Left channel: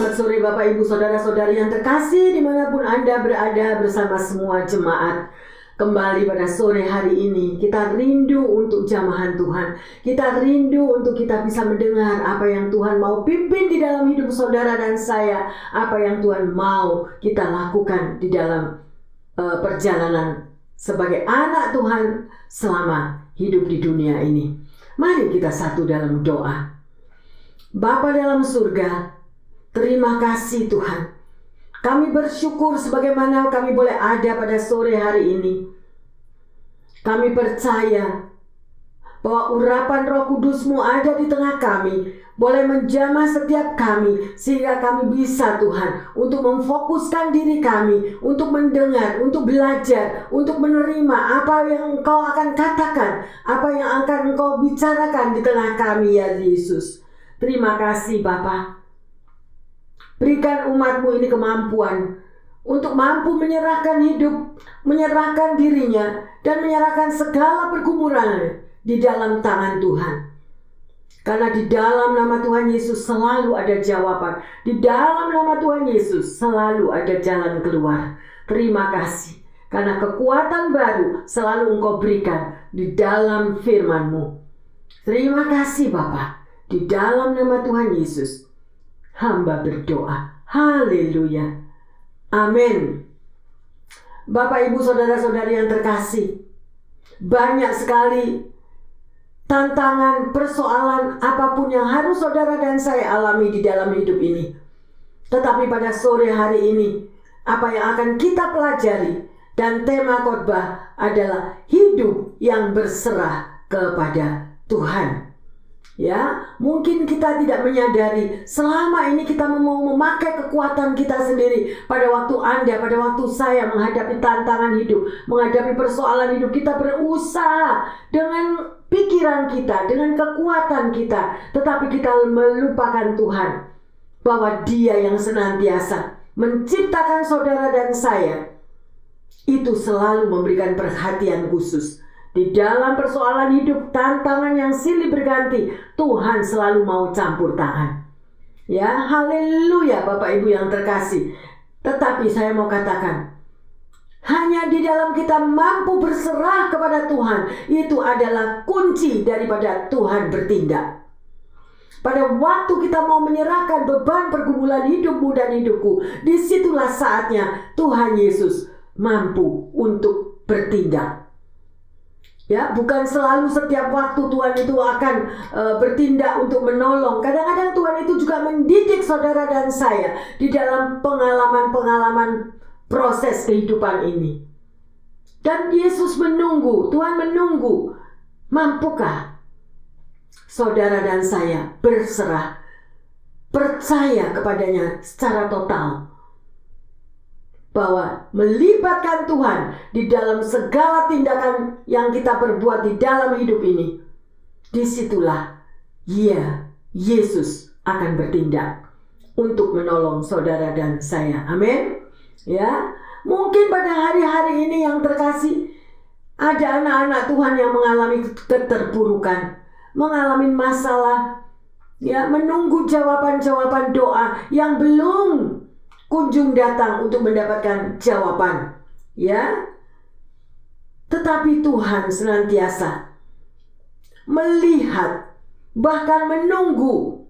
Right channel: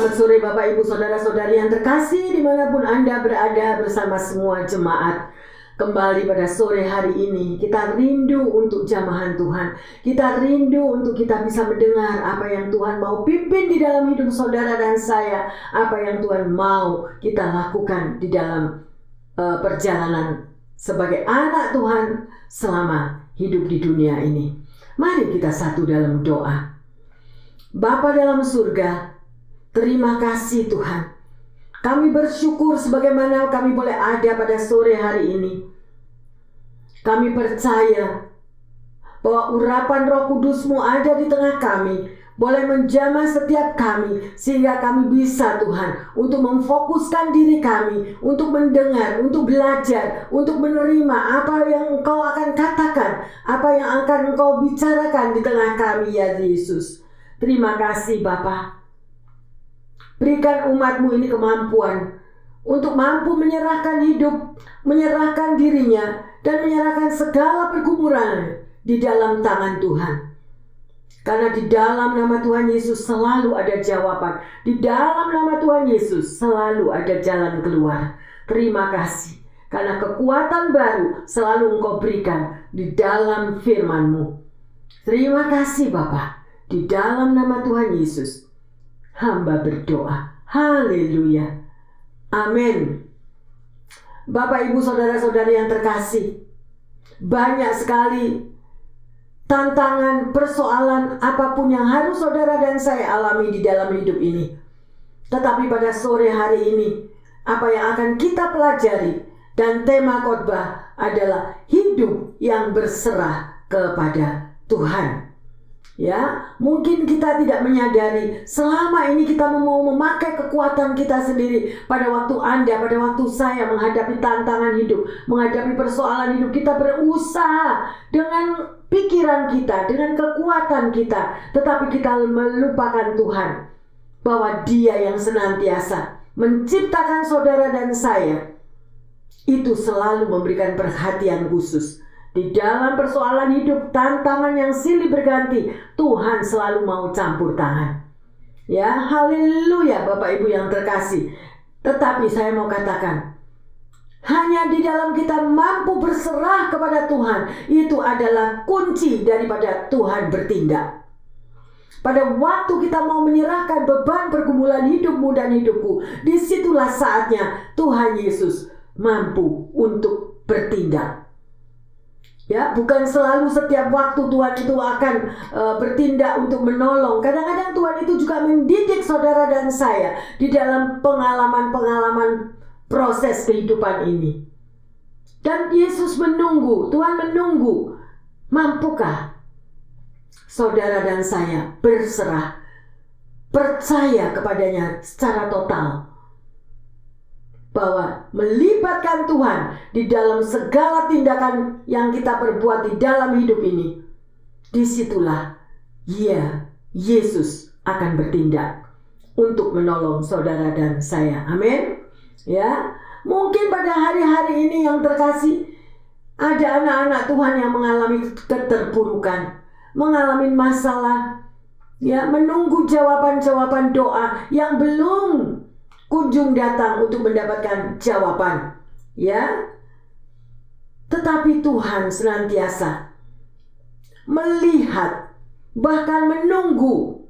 Selamat sore Bapak Ibu Saudara-saudari yang terkasih dimanapun Anda berada bersama semua jemaat. Kembali pada sore hari ini kita rindu untuk jamahan Tuhan. Kita rindu untuk kita bisa mendengar apa yang Tuhan mau pimpin di dalam hidup saudara dan saya. Apa yang Tuhan mau kita lakukan di dalam perjalanan sebagai anak Tuhan selama hidup di dunia ini. Mari kita satu dalam doa. Bapa dalam surga, terima kasih Tuhan. Kami bersyukur sebagaimana kami boleh ada pada sore hari ini. Kami percaya bahwa urapan Roh Kudus-Mu ada di tengah kami, boleh menjamah setiap kami, sehingga kami bisa Tuhan untuk memfokuskan diri kami, untuk mendengar, untuk belajar, untuk menerima apa yang Engkau akan katakan, apa yang akan Engkau bicarakan di tengah kami ya Yesus. Terima kasih Bapa. Berikan umat-Mu ini kemampuan untuk mampu menyerahkan hidup, menyerahkan dirinya, dan menyerahkan segala pergumulan di dalam tangan Tuhan. Karena di dalam nama Tuhan Yesus selalu ada jawaban. Di dalam nama Tuhan Yesus selalu ada jalan keluar. Terima kasih. Karena kekuatan baru selalu Engkau berikan di dalam firman-Mu. Terima kasih Bapa. Di dalam nama Tuhan Yesus, hamba berdoa. Haleluya. Amin. Bapak, Ibu, Saudara-saudari yang terkasih, banyak sekali tantangan, persoalan, apapun yang harus saudara dan saya alami di dalam hidup ini. Tetapi pada sore hari ini, apa yang akan kita pelajari dan tema khotbah adalah hidup yang berserah kepada Tuhan. Ya, mungkin kita tidak menyadari selama ini kita mau memakai kekuatan kita sendiri. Pada waktu Anda, pada waktu saya menghadapi tantangan hidup, menghadapi persoalan hidup, kita berusaha dengan pikiran kita, dengan kekuatan kita, tetapi kita melupakan Tuhan, bahwa Dia yang senantiasa menciptakan saudara dan saya itu selalu memberikan perhatian khusus. Di dalam persoalan hidup, tantangan yang silih berganti, Tuhan selalu mau campur tangan. Ya, haleluya Bapak Ibu yang terkasih. Tetapi saya mau katakan, hanya di dalam kita mampu berserah kepada Tuhan, itu adalah kunci daripada Tuhan bertindak. Pada waktu kita mau menyerahkan beban pergumulan hidupmu dan hidupku, disitulah saatnya Tuhan Yesus mampu untuk bertindak. Ya, bukan selalu setiap waktu Tuhan itu akan bertindak untuk menolong. Kadang-kadang Tuhan itu juga mendidik saudara dan saya di dalam pengalaman-pengalaman proses kehidupan ini. Dan Yesus menunggu, Tuhan menunggu. Mampukah saudara dan saya berserah, percaya kepadanya secara total? Bahwa melibatkan Tuhan di dalam segala tindakan yang kita perbuat di dalam hidup ini, disitulah Yesus akan bertindak untuk menolong saudara dan saya. Amin. Ya, mungkin pada hari-hari ini yang terkasih, ada anak-anak Tuhan yang mengalami keterpurukan, mengalami masalah, ya, menunggu jawaban-jawaban doa yang belum kunjung datang untuk mendapatkan jawaban, ya. Tetapi Tuhan senantiasa melihat, bahkan menunggu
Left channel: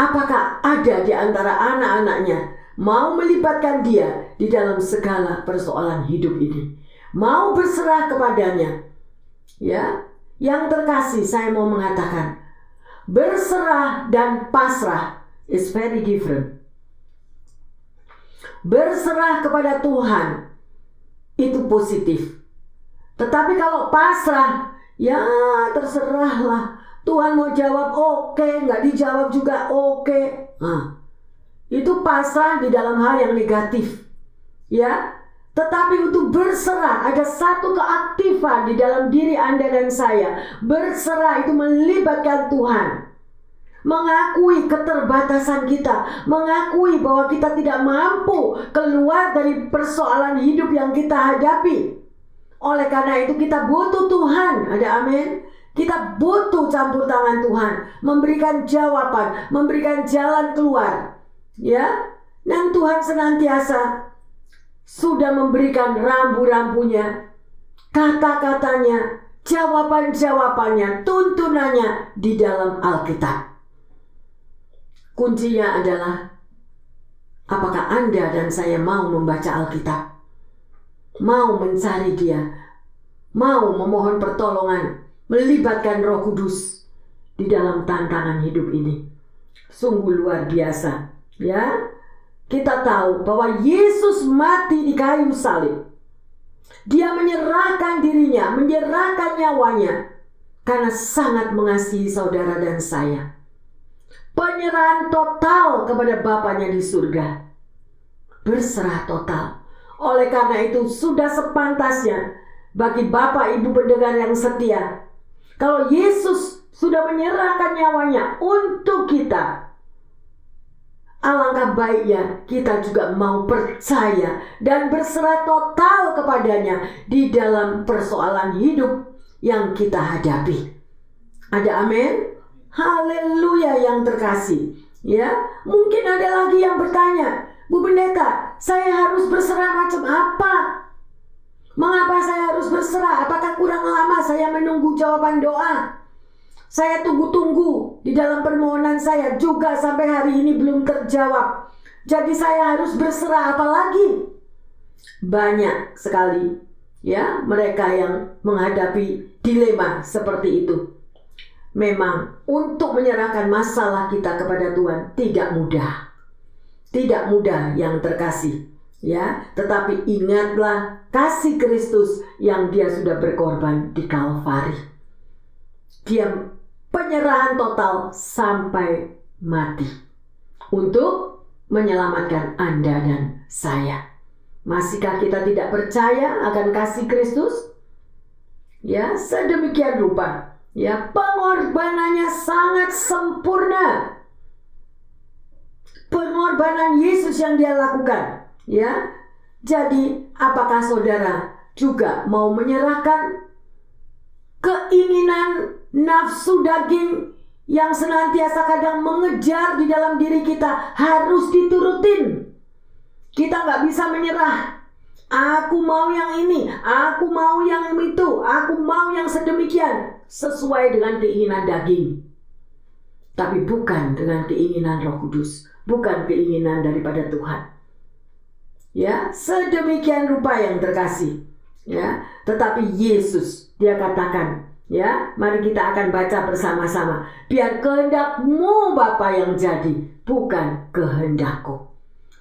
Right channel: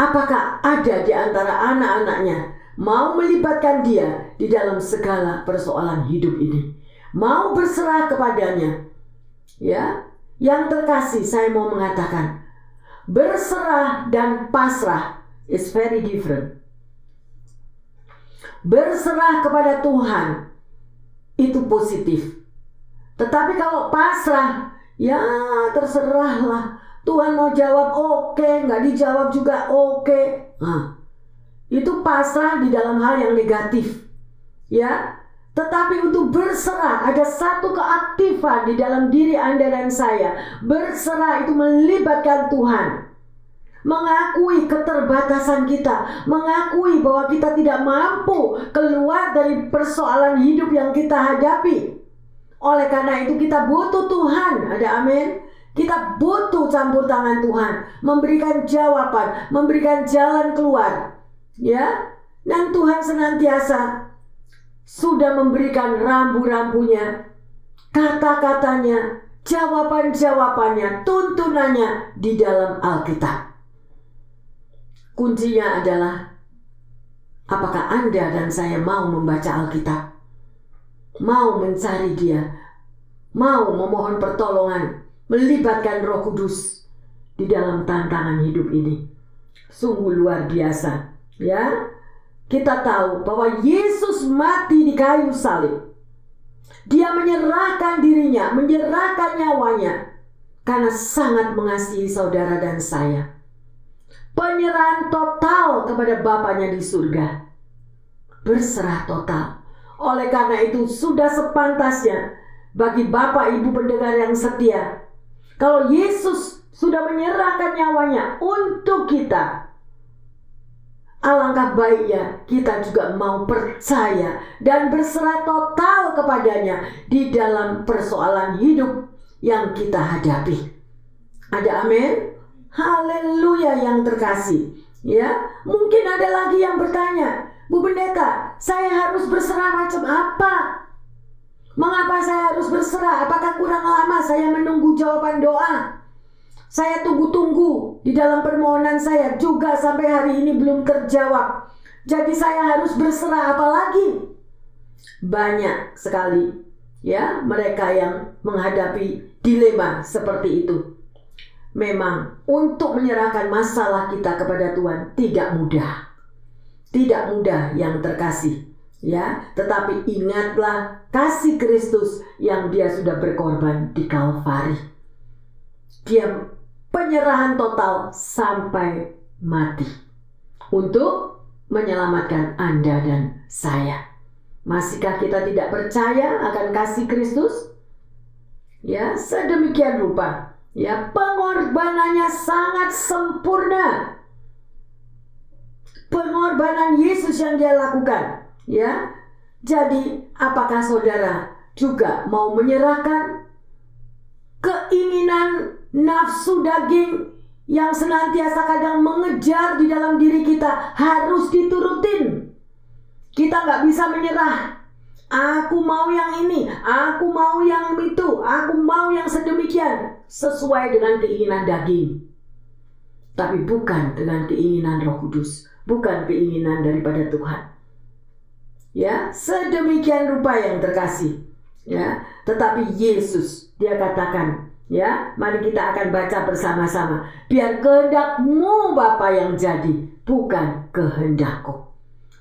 apakah ada di antara anak-anaknya mau melibatkan Dia di dalam segala persoalan hidup ini, mau berserah kepadanya. Ya, yang terkasih, saya mau mengatakan, berserah dan pasrah is very different. Berserah kepada Tuhan itu positif. Tetapi kalau pasrah, ya terserahlah. Tuhan mau jawab oke, nggak dijawab juga oke. Nah, itu pasrah di dalam hal yang negatif. Ya, tetapi untuk berserah, ada satu keaktifan di dalam diri Anda dan saya. Berserah itu melibatkan Tuhan. Mengakui keterbatasan kita, mengakui bahwa kita tidak mampu keluar dari persoalan hidup yang kita hadapi. Oleh karena itu kita butuh Tuhan. Ada amin? Kita butuh campur tangan Tuhan, memberikan jawaban, memberikan jalan keluar. Ya, dan Tuhan senantiasa sudah memberikan rambu-rambunya, kata-katanya, jawaban-jawabannya, tuntunannya di dalam Alkitab. Kuncinya adalah, apakah Anda dan saya mau membaca Alkitab? Mau mencari Dia? Mau memohon pertolongan, melibatkan Roh Kudus di dalam tantangan hidup ini? Sungguh luar biasa, ya. Kita tahu bahwa Yesus mati di kayu salib. Dia menyerahkan dirinya, menyerahkan nyawanya karena sangat mengasihi saudara dan saya. Penyerahan total kepada Bapanya di surga. Berserah total. Oleh karena itu sudah sepantasnya bagi Bapak Ibu pendengar yang setia, kalau Yesus sudah menyerahkan nyawanya untuk kita, alangkah baiknya kita juga mau percaya dan berserah total kepadanya di dalam persoalan hidup yang kita hadapi. Ada amin? Haleluya yang terkasih. Ya, mungkin ada lagi yang bertanya, Bu Pendeta, saya harus berserah macam apa? Mengapa saya harus berserah? Apakah kurang lama saya menunggu jawaban doa? Saya tunggu-tunggu di dalam permohonan saya juga sampai hari ini belum terjawab. Jadi saya harus berserah apa lagi? Banyak sekali ya mereka yang menghadapi dilema seperti itu. Memang untuk menyerahkan masalah kita kepada Tuhan tidak mudah. Tidak mudah yang terkasih, ya. Tetapi ingatlah kasih Kristus yang Dia sudah berkorban di Kalvari. Dia penyerahan total sampai mati untuk menyelamatkan Anda dan saya. Masihkah kita tidak percaya akan kasih Kristus? Ya, sedemikian rupa. Ya, pengorbanannya sangat sempurna. Pengorbanan Yesus yang Dia lakukan, ya. Jadi, apakah saudara juga mau menyerahkan keinginan nafsu daging yang senantiasa kadang mengejar di dalam diri kita harus diturutin? Kita nggak bisa menyerah. Aku mau yang ini, aku mau yang itu, aku mau yang sedemikian sesuai dengan keinginan daging. Tapi bukan dengan keinginan Roh Kudus, bukan keinginan daripada Tuhan. Ya, sedemikian rupa yang terkasih. Ya, tetapi Yesus Dia katakan, ya, mari kita akan baca bersama-sama. Biar kehendak-Mu Bapa yang jadi, bukan kehendak-Ku.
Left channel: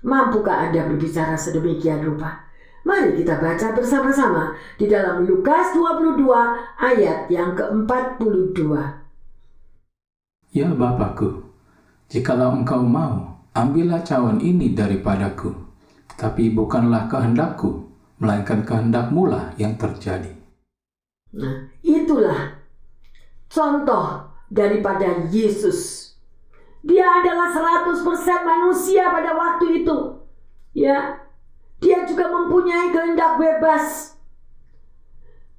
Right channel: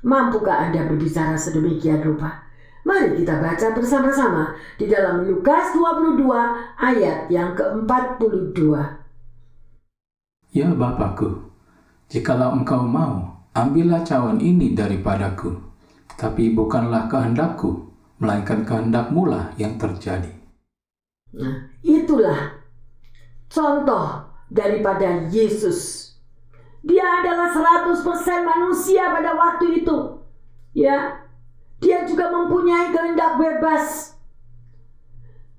Mampukah Anda berbicara sedemikian rupa? Mari kita baca bersama-sama di dalam Lukas 22 ayat yang ke-42. Ya Bapakku, jikalau Engkau mau, ambillah cawan ini daripadaku. Tapi bukanlah kehendak-Ku, melainkan kehendak-Mu lah yang terjadi. Nah, itulah contoh daripada Yesus. Dia adalah 100% manusia pada waktu itu. Ya, Dia juga mempunyai kehendak bebas.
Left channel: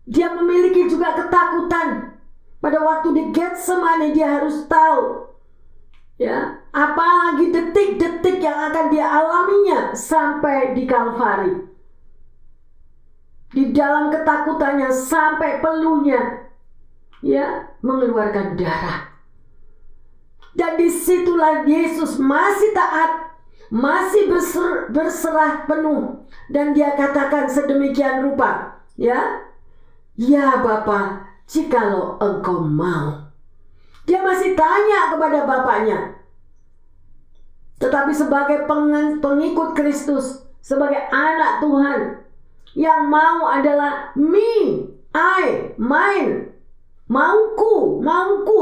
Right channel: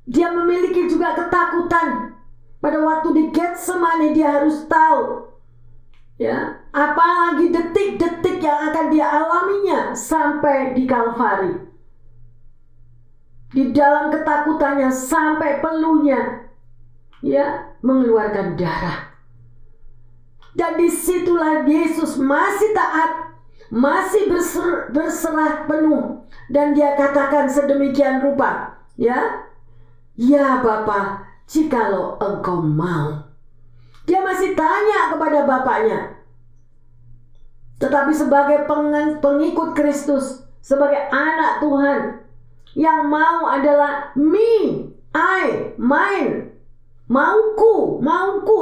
Dia memiliki juga ketakutan. Pada waktu di Getsemani dia harus tahu, ya, apalagi detik-detik yang akan dia alaminya sampai di Kalvari. Di dalam ketakutannya sampai peluhnya, ya, mengeluarkan darah. Dan disitulah Yesus masih taat, masih berserah penuh, dan Dia katakan sedemikian rupa, ya, ya Bapa, jikalau Engkau mau. Dia masih tanya kepada Bapaknya. Tetapi sebagai pengikut Kristus, sebagai anak Tuhan, yang mau adalah me, I, mine, mauku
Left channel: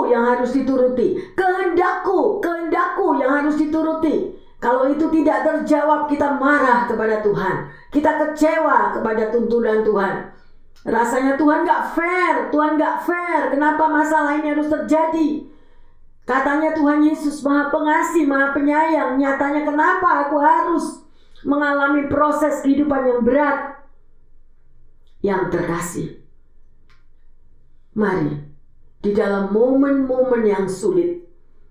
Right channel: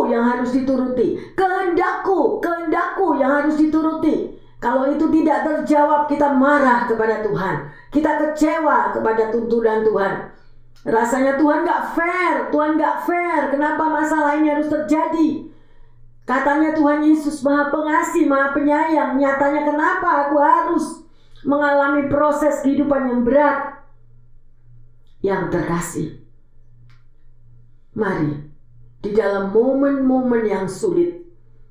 yang harus dituruti, kehendakku yang harus dituruti. Kalau itu tidak terjawab, kita marah kepada Tuhan, kita kecewa kepada tuntunan Tuhan. Rasanya Tuhan gak fair, kenapa masalah ini harus terjadi? Katanya Tuhan Yesus Maha Pengasih, Maha Penyayang, nyatanya kenapa aku harus mengalami proses kehidupan yang berat? Yang terkasih, mari di dalam momen-momen yang sulit,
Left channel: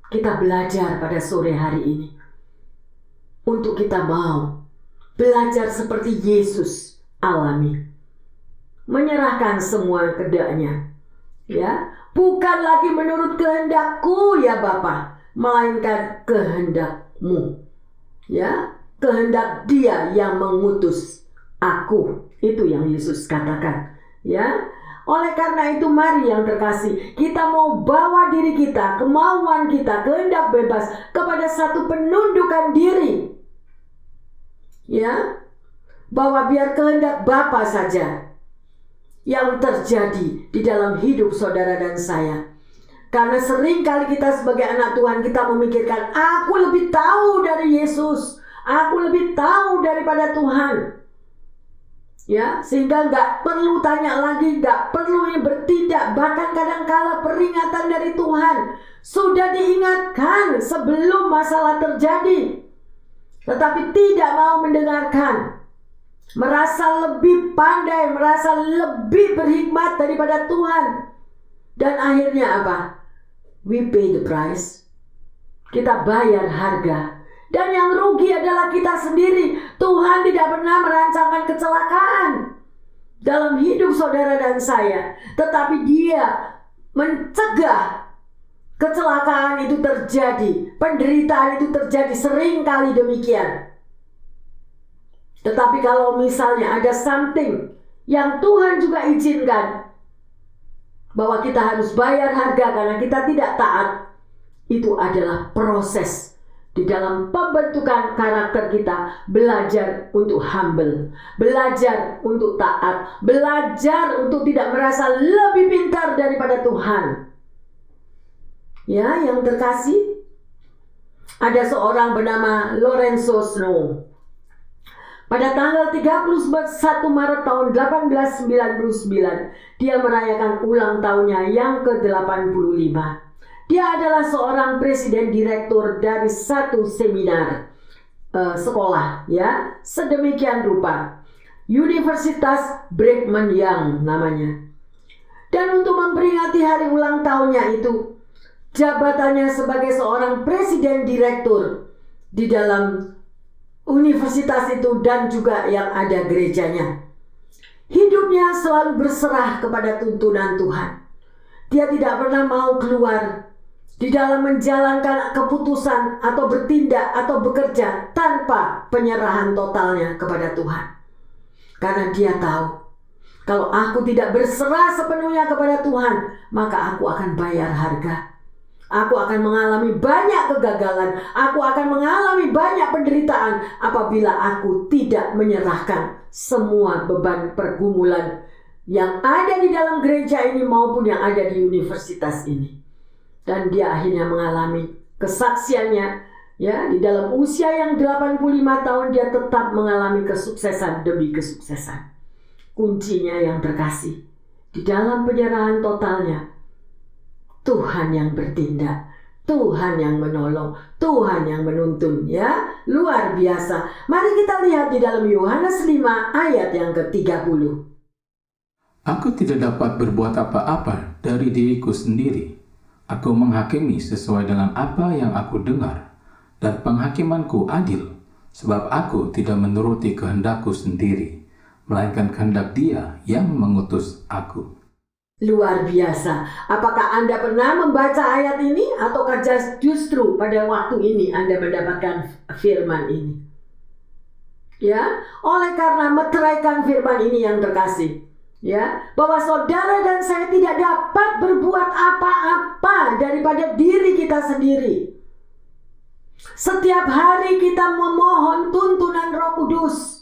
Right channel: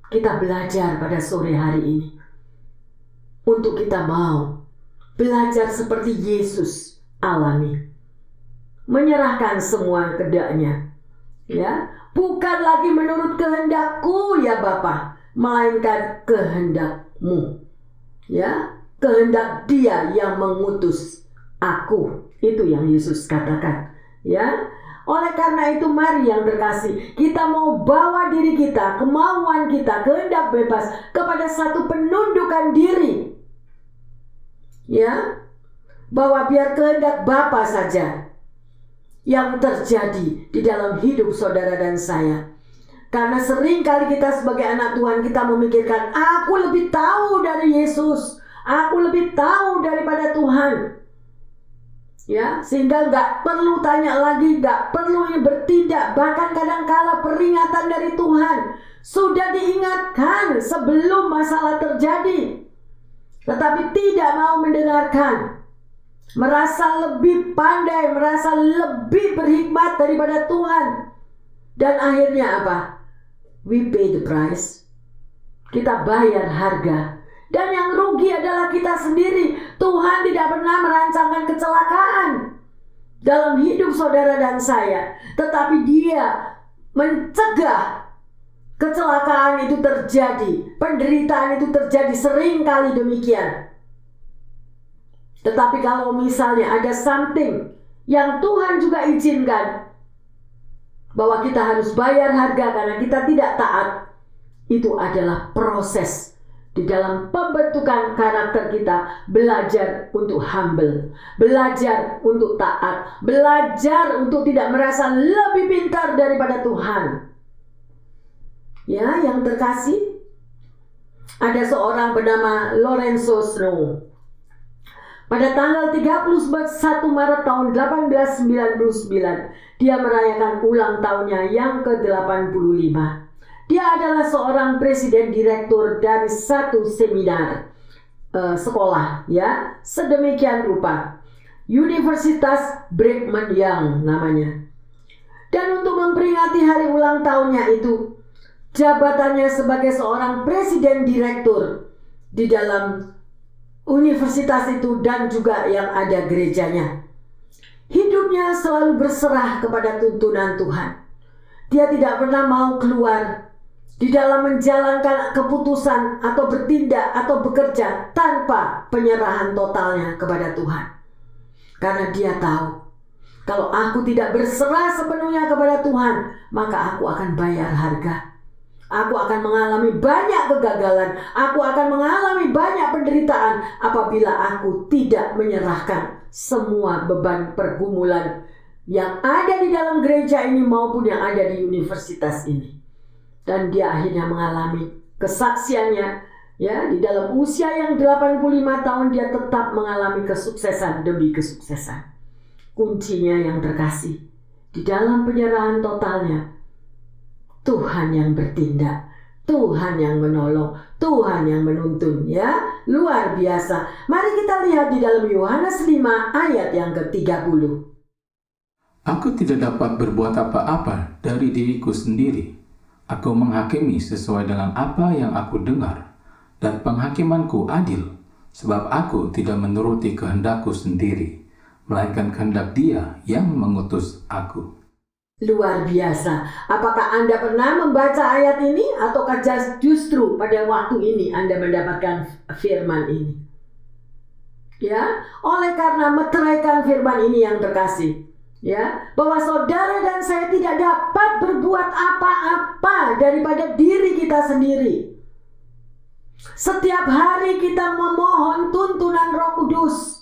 kita belajar pada sore hari ini. Untuk kita mau belajar seperti Yesus alami. Menyerahkan semua kehendaknya. Ya, bukan lagi menurut kehendakku ya Bapa, melainkan kehendakmu. Ya, kehendak Dia yang mengutus aku. Itu yang Yesus katakan. Ya, oleh karena itu mari yang terkasih, kita mau bawa diri kita, kemauan kita, kehendak bebas kepada satu penundukan diri. Ya, bahwa biar kehendak Bapa saja yang terjadi di dalam hidup saudara dan saya. Karena sering kali kita sebagai anak Tuhan, kita memikirkan, aku lebih tahu dari Yesus, aku lebih tahu daripada Tuhan. Ya, sehingga gak perlu tanya lagi, gak perlu ini bertindak. Bahkan kadang-kala peringatan dari Tuhan sudah diingatkan sebelum masalah terjadi, tetapi tidak mau mendengarkan. Merasa lebih pandai, merasa lebih berhikmat daripada Tuhan. Dan akhirnya apa? We pay the price. Kita bayar harga. Dan yang rugi adalah kita sendiri. Tuhan tidak pernah merancangkan kecelakaan dalam hidup saudara dan saya, tetapi Dia mencegah kecelakaan itu terjadi, penderitaan itu terjadi, sering kali demikian. Tetapi kalau misalnya ada something yang Tuhan juga izinkan, bahwa kita harus bayar harga karena kita tidak taat, itu adalah proses di dalam pembentukan karakter kita. Belajar untuk humble, belajar untuk taat, belajar untuk tidak merasa lebih pintar daripada Tuhan. Ya, yang terkasih, ada seorang bernama Lorenzo Snow. Pada tanggal 31 Maret tahun 1899, dia merayakan ulang tahunnya yang ke-85. Dia adalah seorang presiden direktur dari satu seminar sekolah, ya, sedemikian rupa. Universitas Brigham Young namanya. Dan untuk memperingati hari ulang tahunnya itu, jabatannya sebagai seorang presiden direktur di dalam universitas itu dan juga yang ada gerejanya. Hidupnya selalu berserah kepada tuntunan Tuhan. Dia tidak pernah mau keluar di dalam menjalankan keputusan atau bertindak atau bekerja tanpa penyerahan totalnya kepada Tuhan. Karena dia tahu, kalau aku tidak berserah sepenuhnya kepada Tuhan, maka aku akan bayar harga. Aku akan mengalami banyak kegagalan. Aku akan mengalami banyak penderitaan apabila aku tidak menyerahkan semua beban pergumulan yang ada di dalam gereja ini maupun yang ada di universitas ini. Dan dia akhirnya mengalami kesaksiannya, ya, di dalam usia yang 85 tahun dia tetap mengalami kesuksesan demi kesuksesan. Kuncinya yang terkasih, di dalam penyerahan totalnya, Tuhan yang bertindak, Tuhan yang menolong, Tuhan yang menuntun, ya, luar biasa. Mari kita lihat di dalam Yohanes 5 ayat yang ke-30. Aku tidak dapat berbuat apa-apa dari diriku sendiri. Aku menghakimi sesuai dengan apa yang aku dengar, dan penghakimanku adil, sebab aku tidak menuruti kehendakku sendiri, melainkan kehendak Dia yang mengutus aku. Luar biasa. Apakah Anda pernah membaca ayat ini? Ataukah justru pada waktu ini Anda mendapatkan firman ini? Ya, oleh karena meteraikan firman ini yang terkasih, ya, bahwa saudara dan saya tidak dapat berbuat apa-apa daripada diri kita sendiri. Setiap hari kita memohon tuntunan Roh Kudus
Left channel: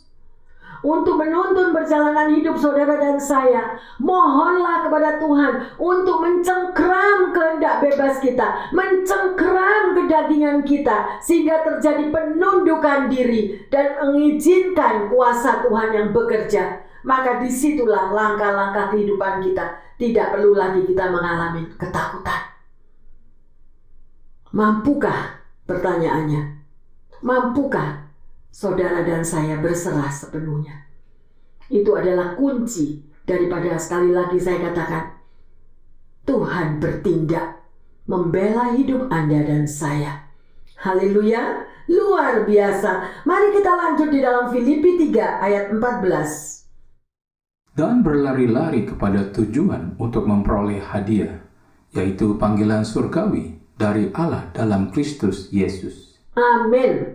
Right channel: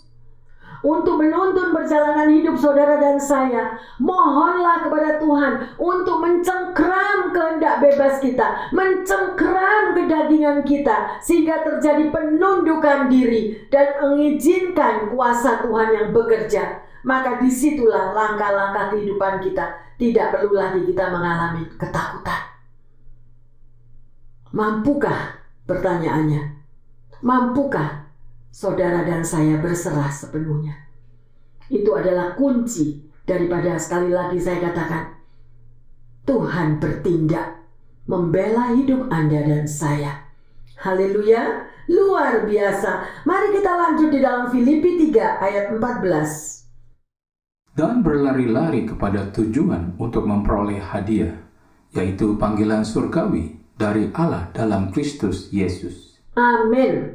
untuk menuntun perjalanan hidup saudara dan saya. Mohonlah kepada Tuhan untuk mencengkram kehendak bebas kita, mencengkram kedagingan kita, sehingga terjadi penundukan diri dan mengizinkan kuasa Tuhan yang bekerja. Maka disitulah langkah-langkah kehidupan kita. Tidak perlu lagi kita mengalami ketakutan. Mampukah, pertanyaannya, mampukah saudara dan saya berserah sepenuhnya? Itu adalah kunci daripada, sekali lagi saya katakan, Tuhan bertindak membela hidup Anda dan saya. Haleluya, luar biasa. Mari kita lanjut di dalam Filipi 3 ayat 14. Dan berlari-lari kepada tujuan untuk memperoleh hadiah, yaitu panggilan surgawi dari Allah dalam Kristus Yesus. Amin.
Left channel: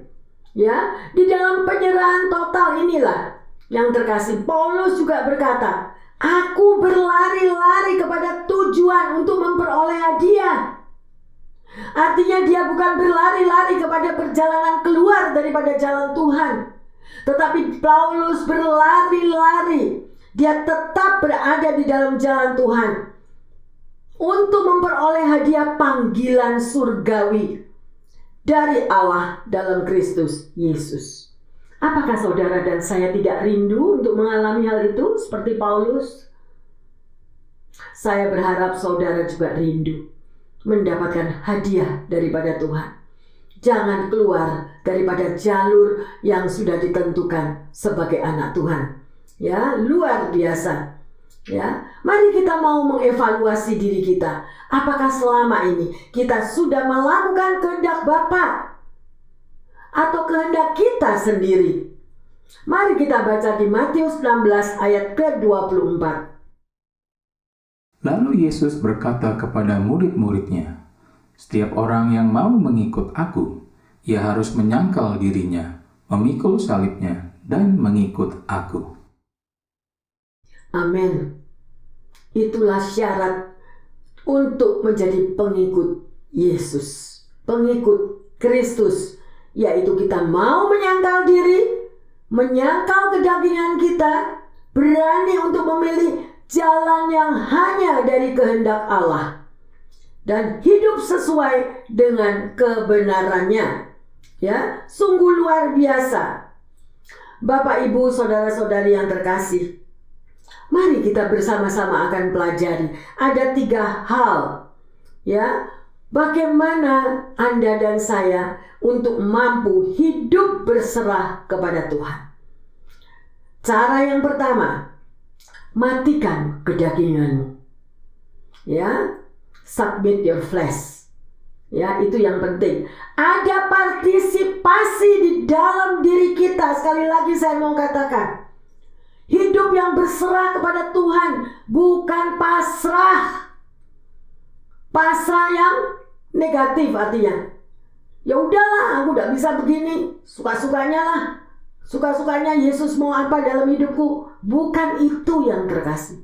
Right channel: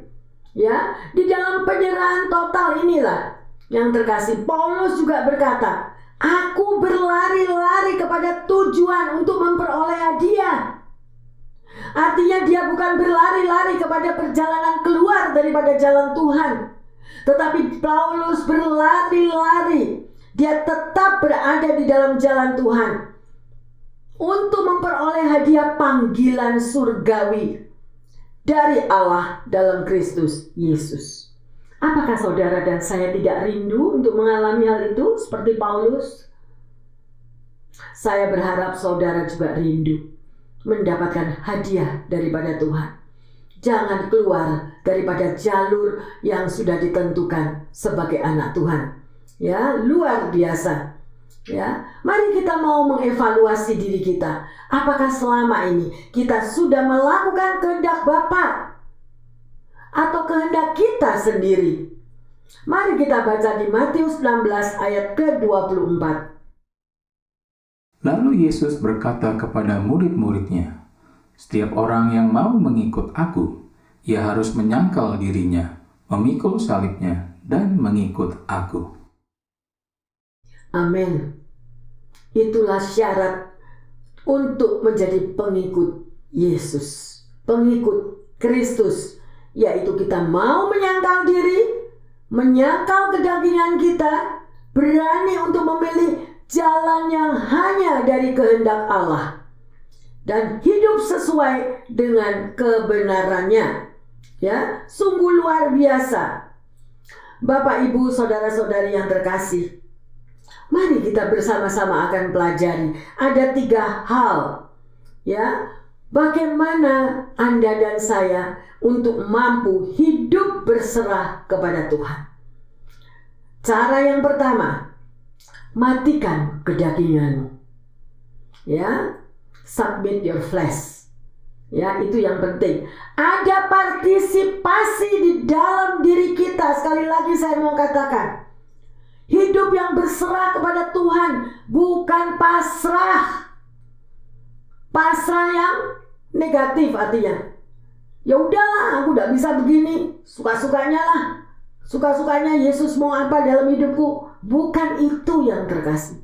Ya, di dalam penyerahan total inilah yang terkasih, Paulus juga berkata, aku berlari-lari kepada tujuan untuk memperoleh hadiah. Artinya dia bukan berlari-lari kepada perjalanan keluar daripada jalan Tuhan, tetapi Paulus berlari-lari. Dia tetap berada di dalam jalan Tuhan untuk memperoleh hadiah panggilan surgawi dari Allah dalam Kristus Yesus. Apakah saudara dan saya tidak rindu untuk mengalami hal itu seperti Paulus? Saya berharap saudara juga rindu mendapatkan hadiah daripada Tuhan. Jangan keluar daripada jalur yang sudah ditentukan sebagai anak Tuhan. Ya, luar biasa. Ya, mari kita mau mengevaluasi diri kita. Apakah selama ini kita sudah melakukan kehendak Bapa atau kehendak kita sendiri? Mari kita baca di Matius 16 ayat ke-24. Lalu Yesus berkata kepada murid-muridnya, setiap orang yang mau mengikut aku, ia harus menyangkal dirinya, memikul salibnya, dan mengikut aku. Amin. Itulah syarat untuk menjadi pengikut Yesus, pengikut Kristus, yaitu kita mau menyangkal diri, menyangkal kedagingan kita, berani untuk memilih jalan yang hanya dari kehendak Allah, dan hidup sesuai dengan kebenarannya. Ya, sungguh luar biasa. Bapak, Ibu, saudara-saudari yang terkasih, mari kita bersama-sama akan pelajari. Ada 3 hal, ya, bagaimana Anda dan saya untuk mampu hidup berserah kepada Tuhan. Cara yang pertama, matikan kedaginganmu. Ya, submit your flesh. Ya, itu yang penting. Ada partisipasi di dalam diri kita. Sekali lagi saya mau katakan, hidup yang berserah kepada Tuhan, bukan pasrah. Pasrah yang negatif artinya, ya udahlah, aku tidak bisa begini, suka-sukanya lah. Suka-sukanya Yesus mau apa dalam hidupku. Bukan itu yang terkasih.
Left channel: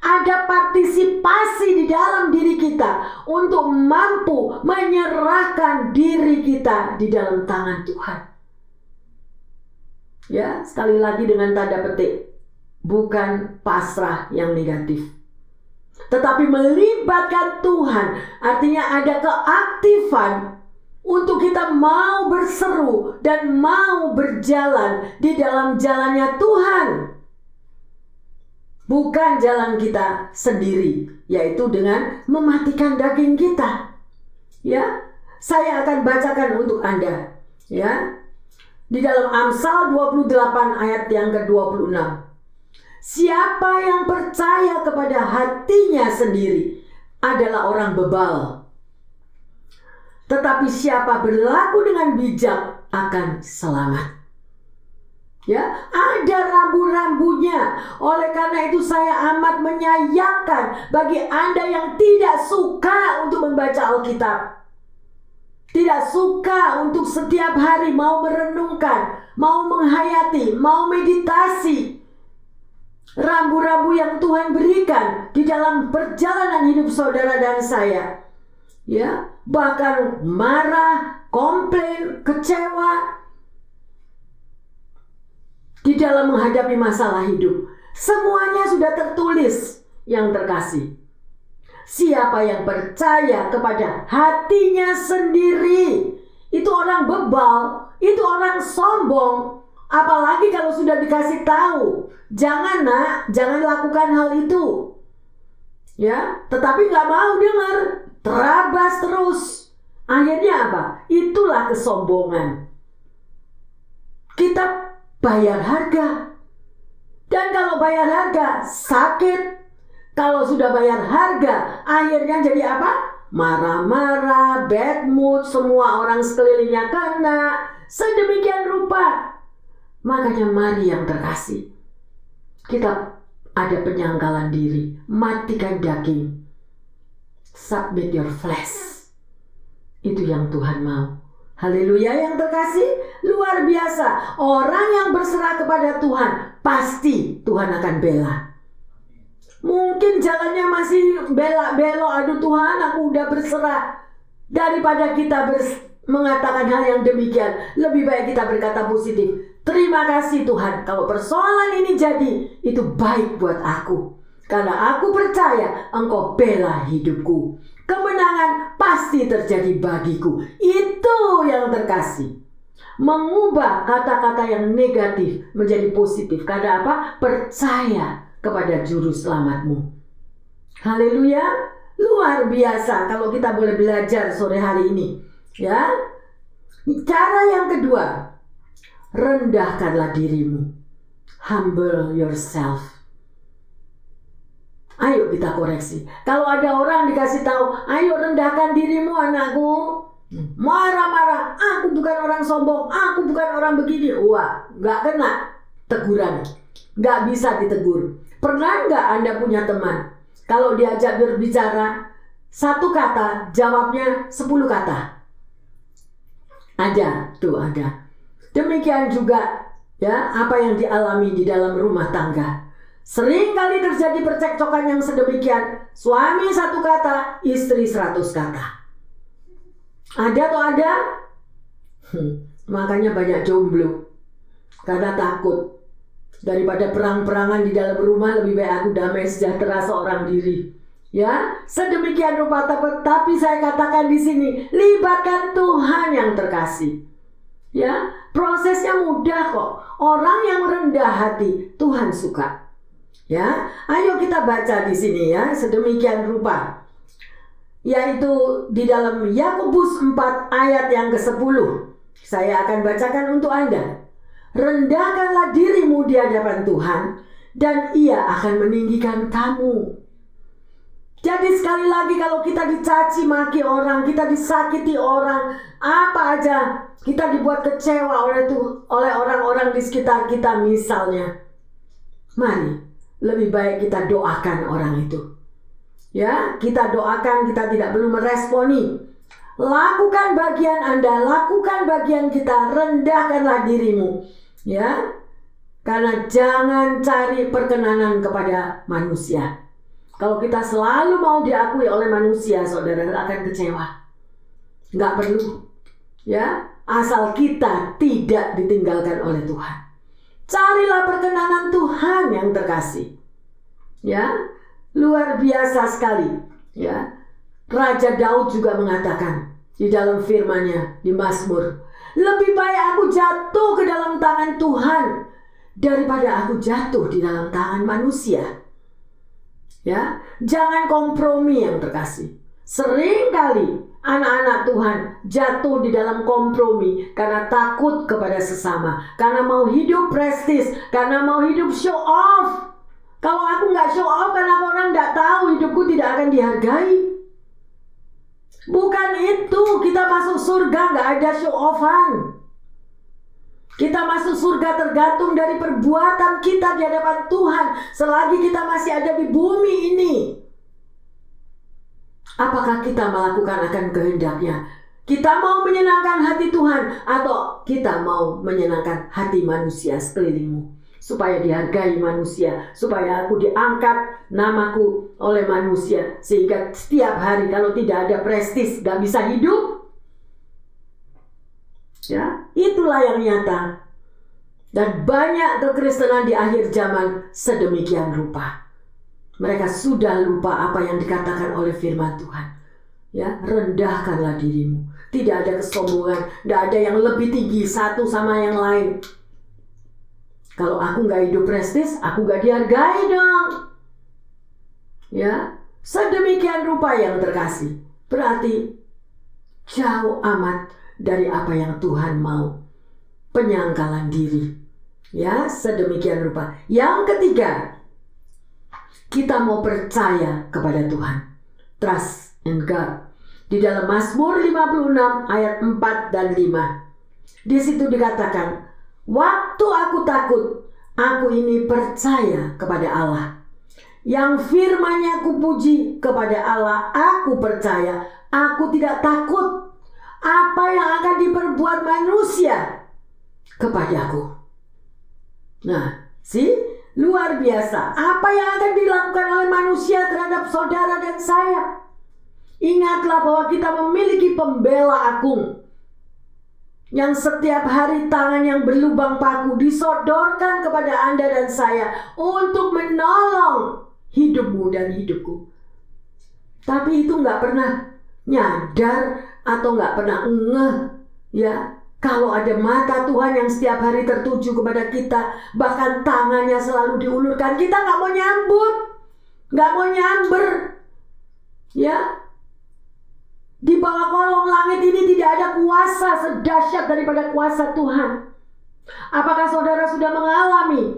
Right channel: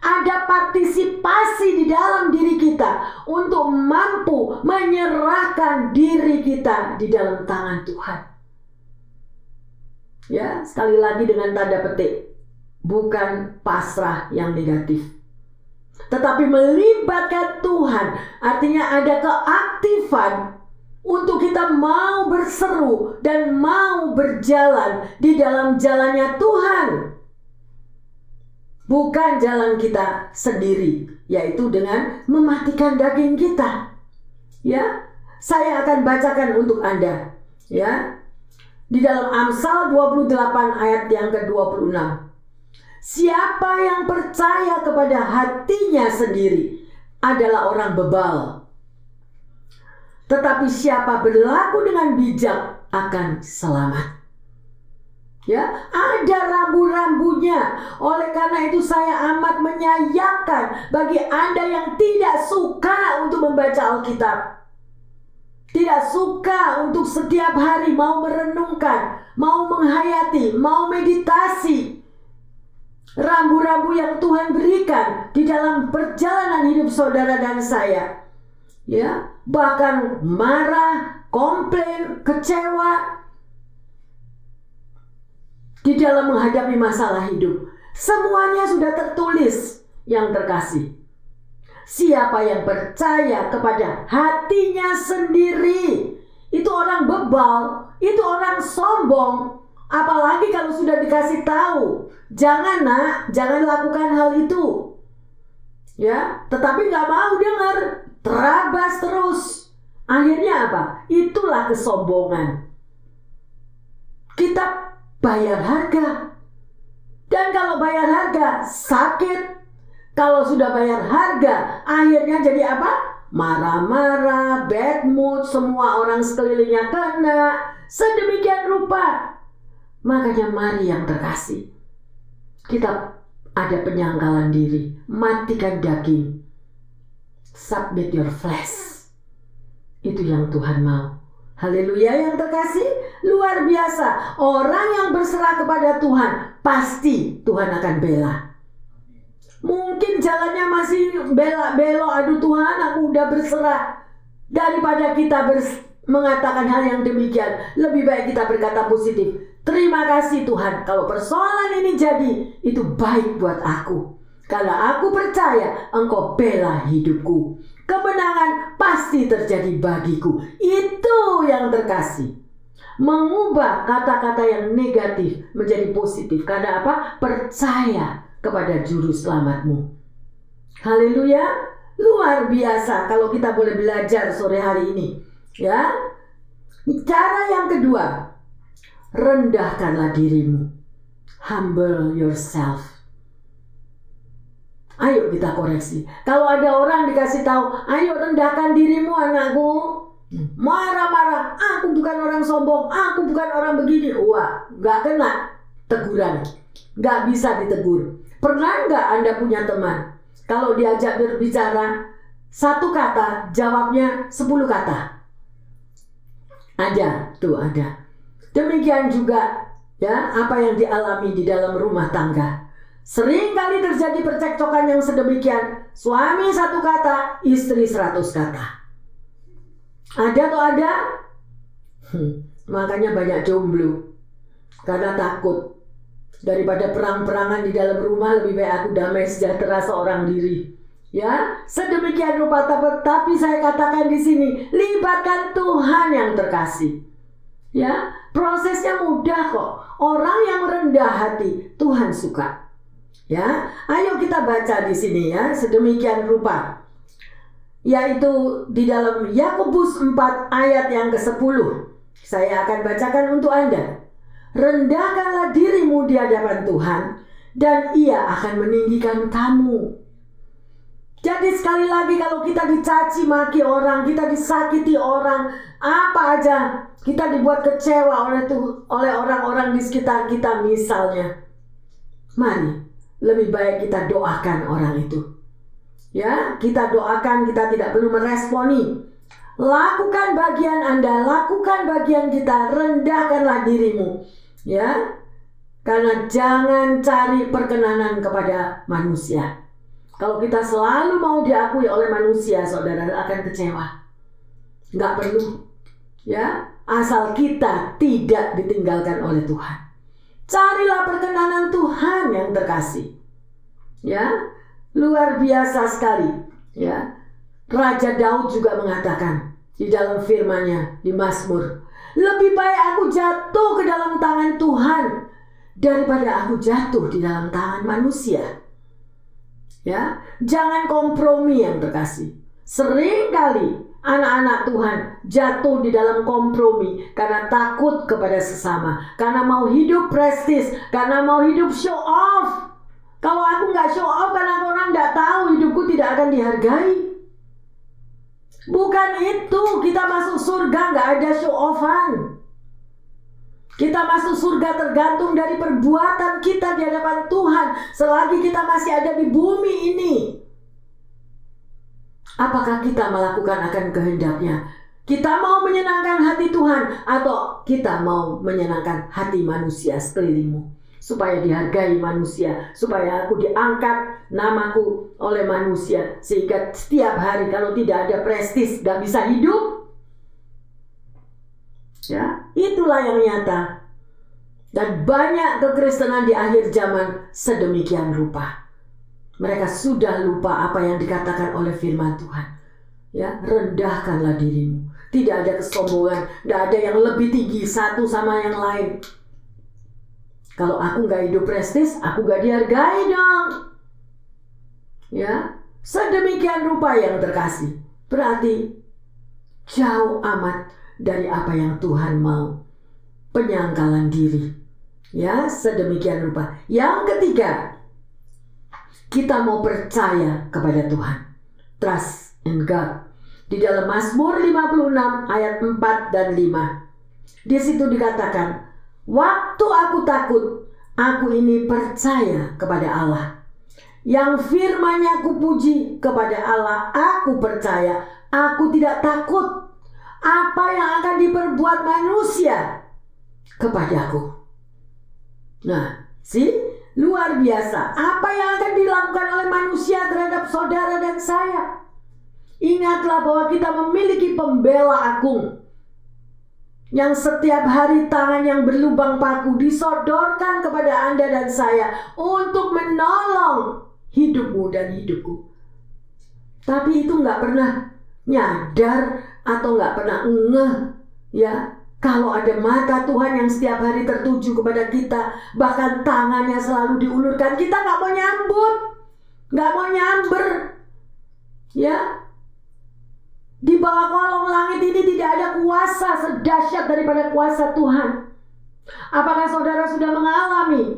Ada partisipasi di dalam diri kita untuk mampu menyerahkan diri kita di dalam tangan Tuhan. Ya, sekali lagi dengan tanda petik, bukan pasrah yang negatif, tetapi melibatkan Tuhan. Artinya ada keaktifan untuk kita mau berseru dan mau berjalan di dalam jalannya Tuhan. Bukan jalan kita sendiri, yaitu dengan mematikan daging kita. Ya, saya akan bacakan untuk Anda. Ya, di dalam Amsal 28 ayat yang ke-26. Siapa yang percaya kepada hatinya sendiri adalah orang bebal. Tetapi siapa berlaku dengan bijak akan selamat. Ya, ada rambu-rambunya. Oleh karena itu saya amat menyayangkan bagi Anda yang tidak suka untuk membaca Alkitab, tidak suka untuk setiap hari mau merenungkan, mau menghayati, mau meditasi rambu-rambu yang Tuhan berikan di dalam perjalanan hidup saudara dan saya. Ya, bahkan marah, komplain, kecewa di dalam menghadapi masalah hidup. Semuanya sudah tertulis yang terkasih. Siapa yang percaya kepada hatinya sendiri, itu orang bebal, itu orang sombong. Apalagi kalau sudah dikasih tahu, jangan nak, jangan lakukan hal itu. Ya, tetapi gak mau dengar, terabas terus. Akhirnya apa? Itulah kesombongan. Kita bayar harga. Dan kalau bayar harga, sakit. Kalau sudah bayar harga, akhirnya jadi apa? Marah-marah, bad mood, semua orang sekelilingnya kena. Sedemikian rupa. Makanya mari yang terkasih, kita ada penyangkalan diri, matikan daging, submit your flesh. Itu yang Tuhan mau. Haleluya yang terkasih, luar biasa. Orang yang berserah kepada Tuhan, pasti Tuhan akan bela. Mungkin jalannya masih belok, aduh Tuhan aku udah berserah. Daripada kita mengatakan hal yang demikian, lebih baik kita berkata positif. Terima kasih Tuhan, kalau persoalan ini jadi, itu baik buat aku. Karena aku percaya Engkau bela hidupku. Kemenangan pasti terjadi bagiku. Itu yang terkasih. Mengubah kata-kata yang negatif menjadi positif. Karena apa? Percaya kepada juru selamatmu. Haleluya. Luar biasa kalau kita boleh belajar sore hari ini. Ya. Cara yang kedua, rendahkanlah dirimu. Humble yourself. Ayo kita koreksi. Kalau ada orang dikasih tahu, ayo rendahkan dirimu anakku. Marah-marah, aku bukan orang sombong, aku bukan orang begini. Wah, gak kena teguran. Gak bisa ditegur. Pernah gak Anda punya teman? Kalau diajak berbicara, satu kata, jawabnya 10 kata. Ada, tuh ada. Demikian juga ya apa yang dialami di dalam rumah tangga. Sering kali terjadi percekcokan yang sedemikian. Suami 1 kata, istri 100 kata. Ada atau ada? Makanya banyak jomblo. Karena takut. Daripada perang-perangan di dalam rumah, lebih baik aku damai sejahtera seorang diri. Ya, sedemikian rupa, tapi saya katakan di sini, libatkan Tuhan yang terkasih. Ya, prosesnya mudah kok. Orang yang rendah hati, Tuhan suka. Ya, ayo kita baca di sini ya, sedemikian rupa. Yaitu di dalam Yakobus 4 ayat yang ke-10. Saya akan bacakan untuk Anda. Rendahkanlah dirimu di hadapan Tuhan, dan Ia akan meninggikan kamu. Jadi sekali lagi kalau kita dicaci maki orang, kita disakiti orang, apa aja, kita dibuat kecewa oleh orang-orang di sekitar kita misalnya. Mari lebih baik kita doakan orang itu. Ya, kita doakan, kita tidak perlu meresponi. Lakukan bagian Anda, lakukan bagian kita, rendahkanlah dirimu. Ya. Karena jangan cari perkenanan kepada manusia. Kalau kita selalu mau diakui oleh manusia, saudara akan kecewa. Nggak perlu. Ya, asal kita tidak ditinggalkan oleh Tuhan. Carilah perkenanan Tuhan yang terkasih. Ya, luar biasa sekali. Ya, Raja Daud juga mengatakan di dalam firman-Nya di Mazmur, lebih baik aku jatuh ke dalam tangan Tuhan daripada aku jatuh di dalam tangan manusia. Ya, jangan kompromi yang terkasih. Seringkali anak-anak Tuhan jatuh di dalam kompromi karena takut kepada sesama, karena mau hidup prestis, karena mau hidup show off. Kalau aku nggak show off, karena orang nggak tahu, hidupku tidak akan dihargai. Bukan itu, kita masuk surga nggak ada show offan. Kita masuk surga tergantung dari perbuatan kita di hadapan Tuhan selagi kita masih ada di bumi ini. Apakah kita melakukan akan kehendak-Nya? Kita mau menyenangkan hati Tuhan atau kita mau menyenangkan hati manusia sekelilingmu? Supaya dihargai manusia, supaya aku diangkat namaku oleh manusia, sehingga setiap hari kalau tidak ada prestis gak bisa hidup. Ya, itulah yang nyata. Dan banyak kekristenan di akhir zaman sedemikian rupa. Mereka sudah lupa apa yang dikatakan oleh firman Tuhan. Ya, rendahkanlah dirimu. Tidak ada kesombongan, tidak ada yang lebih tinggi satu sama yang lain. Kalau aku nggak hidup prestis, aku nggak dihargai dong. Ya, sedemikian rupa yang terkasih. Berarti jauh amat dari apa yang Tuhan mau. Penyangkalan diri. Ya, sedemikian rupa. Yang ketiga, kita mau percaya kepada Tuhan. Trust in God. Di dalam Mazmur 56 ayat 4 dan 5. Di situ dikatakan, waktu aku takut, aku ini percaya kepada Allah. Yang firman-Nya aku puji kepada Allah, aku percaya, aku tidak takut apa yang akan diperbuat manusia kepadaku. Nah, luar biasa. Apa yang akan dilakukan oleh manusia terhadap saudara dan saya? Ingatlah bahwa kita memiliki pembela agung yang setiap hari tangan yang berlubang paku disodorkan kepada Anda dan saya untuk menolong hidupmu dan hidupku. Tapi itu nggak pernah nyadar atau nggak pernah ngeh, ya. Kalau ada mata Tuhan yang setiap hari tertuju kepada kita, bahkan tangannya selalu diulurkan, kita nggak mau nyambut, nggak mau nyamber, ya. Di bawah kolong langit ini tidak ada kuasa sedahsyat daripada kuasa Tuhan. Apakah saudara sudah mengalami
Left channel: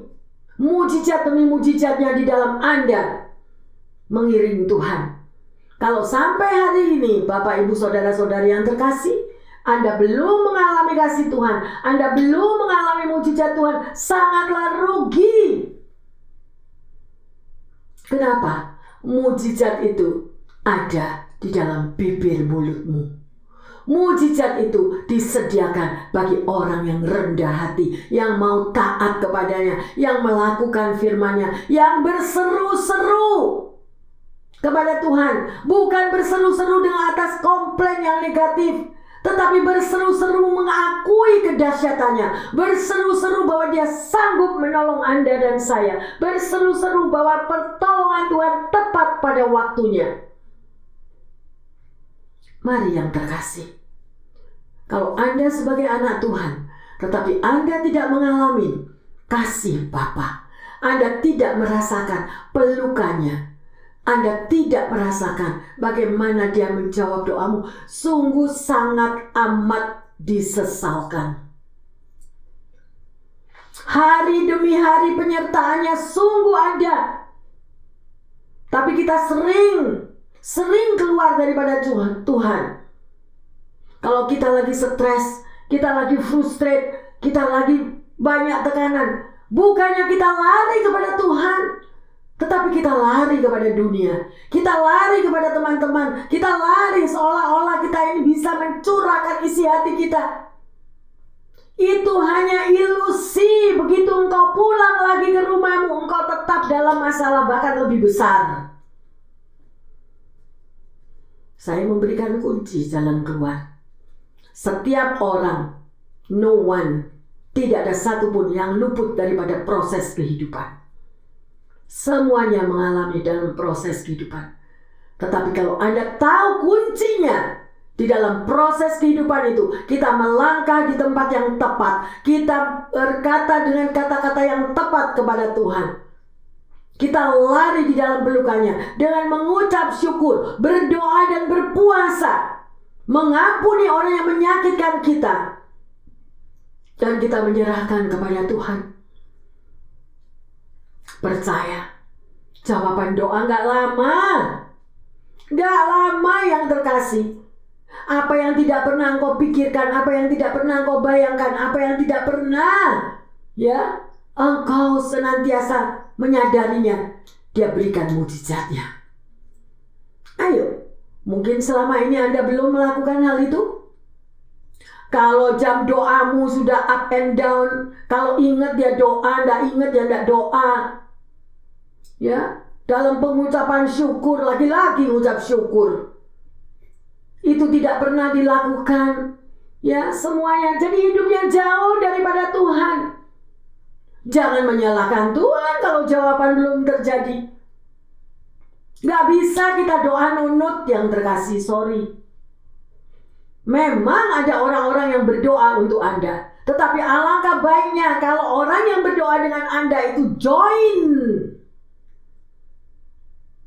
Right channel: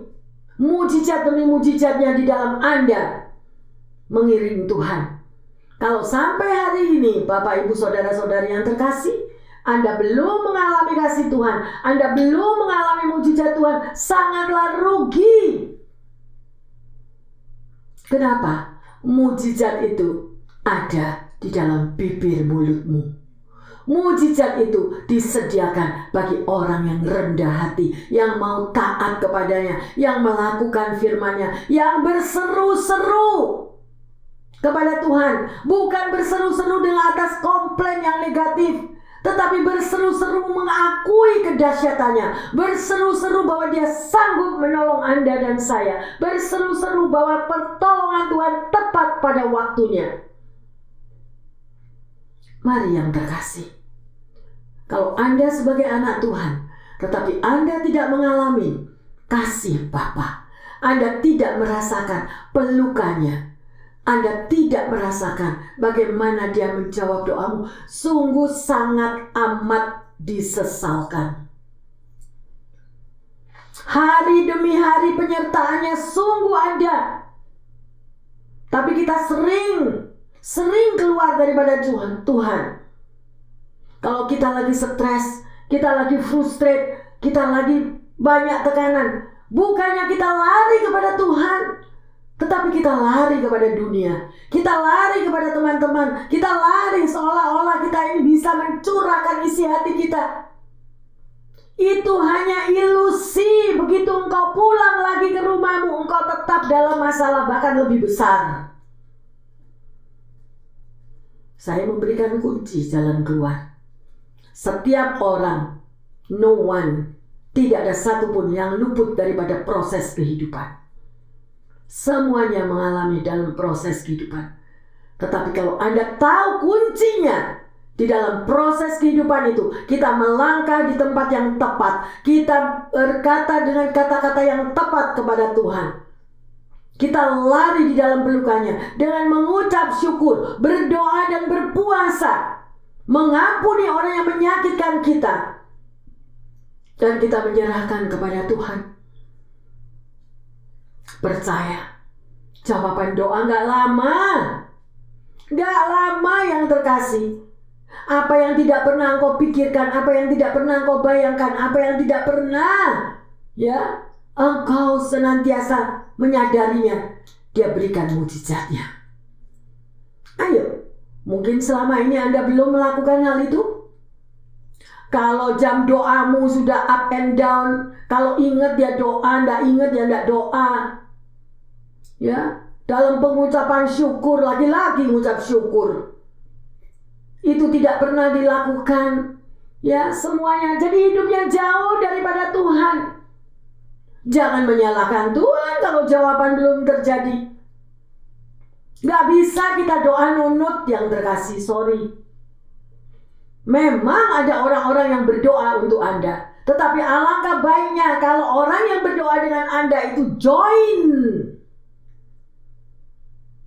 mujizat demi mujizatnya di dalam Anda mengiring Tuhan? Kalau sampai hari ini, Bapak, Ibu, saudara-saudari yang terkasih, Anda belum mengalami kasih Tuhan, Anda belum mengalami mujizat Tuhan, sangatlah rugi. Kenapa? Mujizat itu ada di dalam bibir mulutmu. Mujizat itu disediakan bagi orang yang rendah hati, yang mau taat kepadanya, yang melakukan firman-Nya, yang berseru-seru kepada Tuhan. Bukan berseru-seru dengan atas komplain yang negatif, tetapi berseru-seru mengakui kedahsyatannya, berseru-seru bahwa Dia sanggup menolong Anda dan saya, berseru-seru bahwa pertolongan Tuhan tepat pada waktunya. Mari yang terkasih, kalau Anda sebagai anak Tuhan, tetapi Anda tidak mengalami kasih Bapa, Anda tidak merasakan pelukannya, Anda tidak merasakan bagaimana Dia menjawab doamu, sungguh sangat amat disesalkan. Hari demi hari penyertaannya sungguh ada, tapi kita sering keluar daripada Tuhan. Kalau kita lagi stres, kita lagi frustrate, kita lagi banyak tekanan, bukannya kita lari kepada Tuhan, tetapi kita lari kepada dunia, kita lari kepada teman-teman, kita lari seolah-olah kita ini bisa mencurahkan isi hati kita. Itu hanya ilusi. Begitu engkau pulang lagi ke rumahmu, engkau tetap dalam masalah bahkan lebih besar. Saya memberikan kunci jalan keluar. Setiap orang, no one, tidak ada satupun yang luput daripada proses kehidupan. Semuanya mengalami dalam proses kehidupan. Tetapi kalau Anda tahu kuncinya di dalam proses kehidupan itu, kita melangkah di tempat yang tepat, kita berkata dengan kata-kata yang tepat kepada Tuhan, kita lari di dalam pelukannya dengan mengucap syukur, berdoa dan berpuasa, mengampuni orang yang menyakitkan kita, dan kita menyerahkan kepada Tuhan. Percaya, jawaban doa gak lama yang terkasih. Apa yang tidak pernah engkau pikirkan, apa yang tidak pernah engkau bayangkan, apa yang tidak pernah, ya, engkau senantiasa menyadarinya, Dia berikan mujizatnya. Ayo, mungkin selama ini Anda belum melakukan hal itu. Kalau jam doamu sudah up and down, kalau ingat dia doa, ndak ingat dia ndak doa, ya, dalam pengucapan syukur, lagi-lagi ucap syukur, itu tidak pernah dilakukan, ya, semuanya. Jadi hidupnya jauh daripada Tuhan. Jangan menyalahkan Tuhan kalau jawaban belum terjadi. Gak bisa kita doa nunut yang terkasih, sorry. Memang ada orang-orang yang berdoa untuk Anda, tetapi alangkah baiknya kalau orang yang berdoa dengan Anda itu join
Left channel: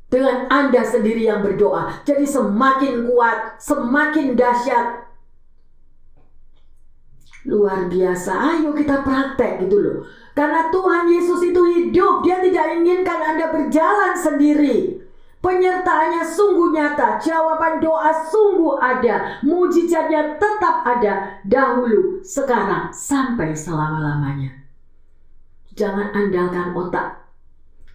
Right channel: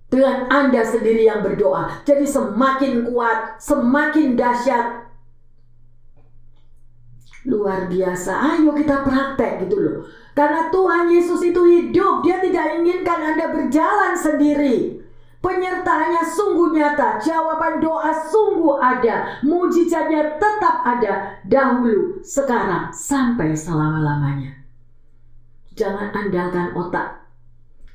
dengan Anda sendiri yang berdoa. Jadi semakin kuat, semakin dahsyat. Luar biasa. Ayo kita praktek gitu loh. Karena Tuhan Yesus itu hidup. Dia tidak inginkan Anda berjalan sendiri. Penyertaannya sungguh nyata. Jawaban doa sungguh ada. Mujizatnya tetap ada. Dahulu, sekarang, sampai selama-lamanya. Jangan andalkan otak.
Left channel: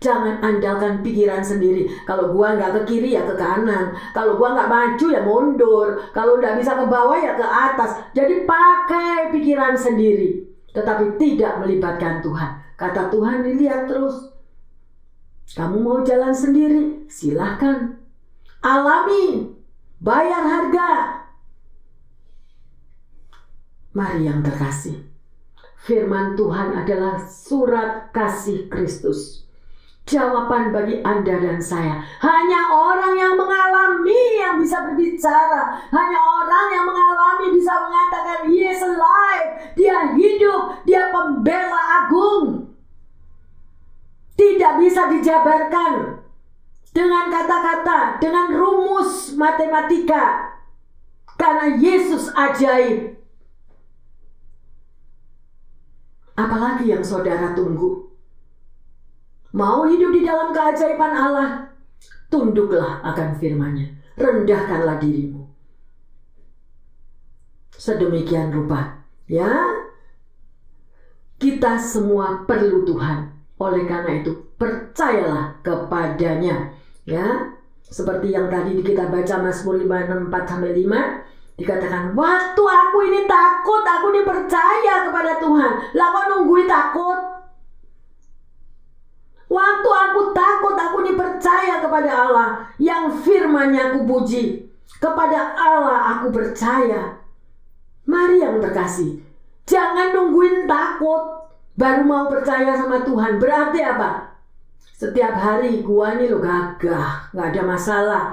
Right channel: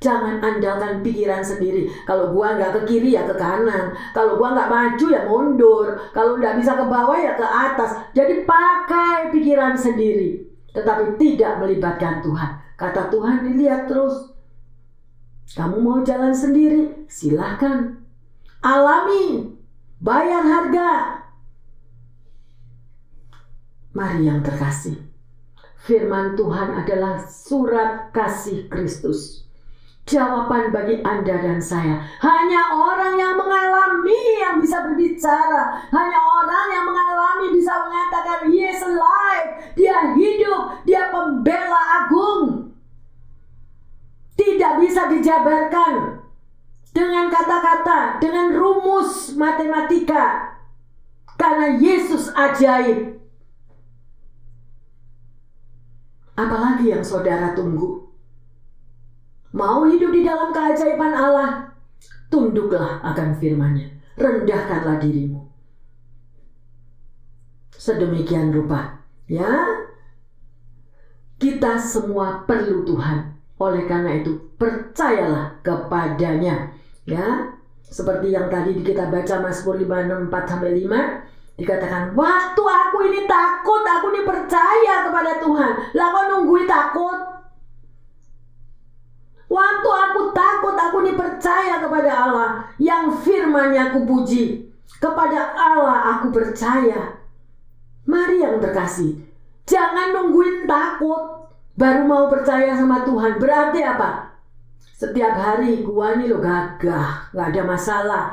Jangan andalkan pikiran sendiri. Kalau gua nggak ke kiri ya ke kanan. Kalau gua nggak maju ya mundur. Kalau nggak bisa ke bawah ya ke atas. Jadi pakai pikiran sendiri. Tetapi tidak melibatkan Tuhan. Kata Tuhan, dilihat terus. Kamu mau jalan sendiri? Silahkan. Alami. Bayar harga. Mari yang terkasih. Firman Tuhan adalah surat kasih Kristus. Jawaban bagi Anda dan saya. Hanya orang yang mengalami yang bisa berbicara. Hanya orang yang mengalami bisa mengatakan, He is alive. Dia hidup. Dia pembela agung. Tidak bisa dijabarkan dengan kata-kata, dengan rumus matematika. Karena Yesus ajaib. Apalagi yang saudara tunggu? Mau hidup di dalam keajaiban Allah? Tunduklah akan firman-Nya. Rendahkanlah dirimu. Sedemikian rupa. Ya, kita semua perlu Tuhan. Oleh karena itu, percayalah kepadanya. Ya, seperti yang tadi kita baca Mazmur 56:4-5. Dikatakan, waktu aku ini takut, aku ini percaya kepada Tuhan. Lah kok nunggui takut? Waktu aku takut, aku ini percaya kepada Allah. Yang firman-Nya aku puji. Kepada Allah aku percaya. Mari yang terkasih. Jangan nungguin takut baru mau percaya sama Tuhan. Berarti apa? Setiap hari gua nih lo gagah. Gak ada masalah.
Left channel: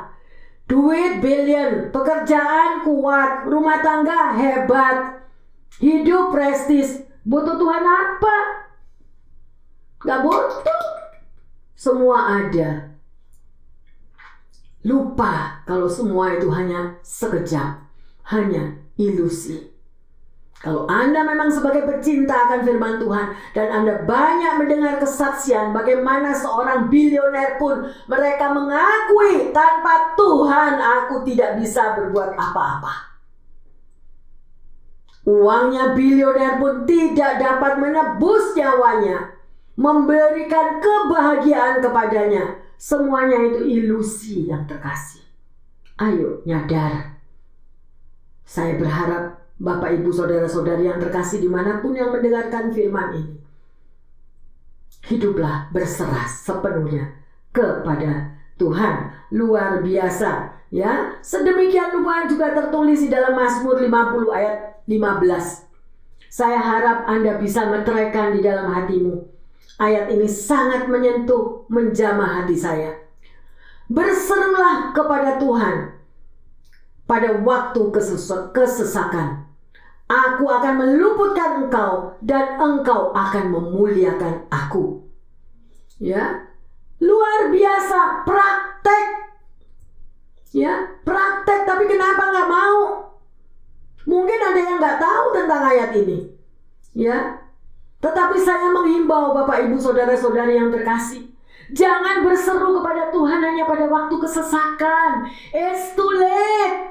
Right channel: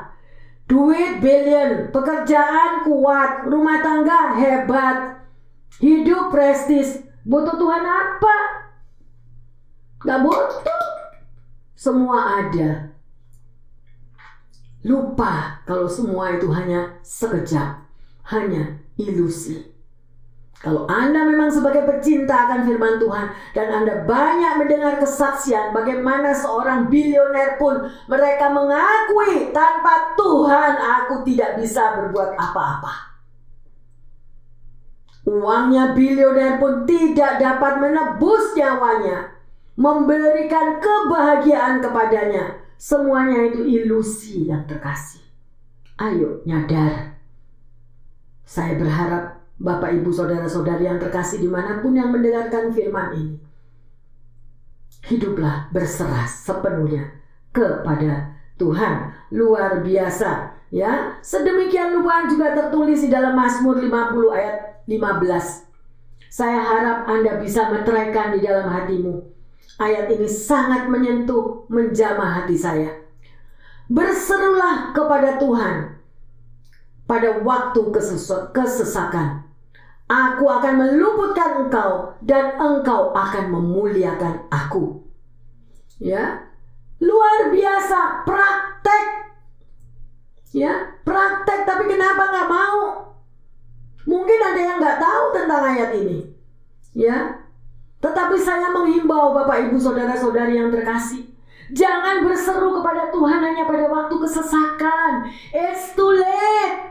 Duit billion, pekerjaan kuat, rumah tangga hebat, hidup prestis. Butuh Tuhan apa? Gak butuh. Semua ada. Lupa kalau semua itu hanya sekejap, hanya ilusi. Kalau Anda memang sebagai pecinta akan firman Tuhan dan Anda banyak mendengar kesaksian bagaimana seorang bilioner pun mereka mengakui tanpa Tuhan aku tidak bisa berbuat apa-apa. Uangnya bilioner pun tidak dapat menebus nyawanya, memberikan kebahagiaan kepadanya. Semuanya itu ilusi yang terkasih. Ayo nyadar. Saya berharap Bapak, Ibu, Saudara-saudari yang terkasih dimanapun yang mendengarkan firman ini. Hiduplah berserah sepenuhnya kepada Tuhan. Luar biasa. Ya, sedemikian rupa juga tertulis di dalam Mazmur 50 ayat 15. Saya harap Anda bisa meteraikan di dalam hatimu. Ayat ini sangat menyentuh, menjamah hati saya. Berserulah kepada Tuhan pada waktu kesesakan. Aku akan meluputkan engkau dan engkau akan memuliakan aku. Ya, luar biasa, praktek. Ya, praktek, tapi kenapa nggak mau? Mungkin ada yang nggak tahu tentang ayat ini. Ya, tetapi saya menghimbau Bapak, Ibu, Saudara-saudari yang terkasih. Jangan berseru kepada Tuhan hanya pada waktu kesesakan. It's too late.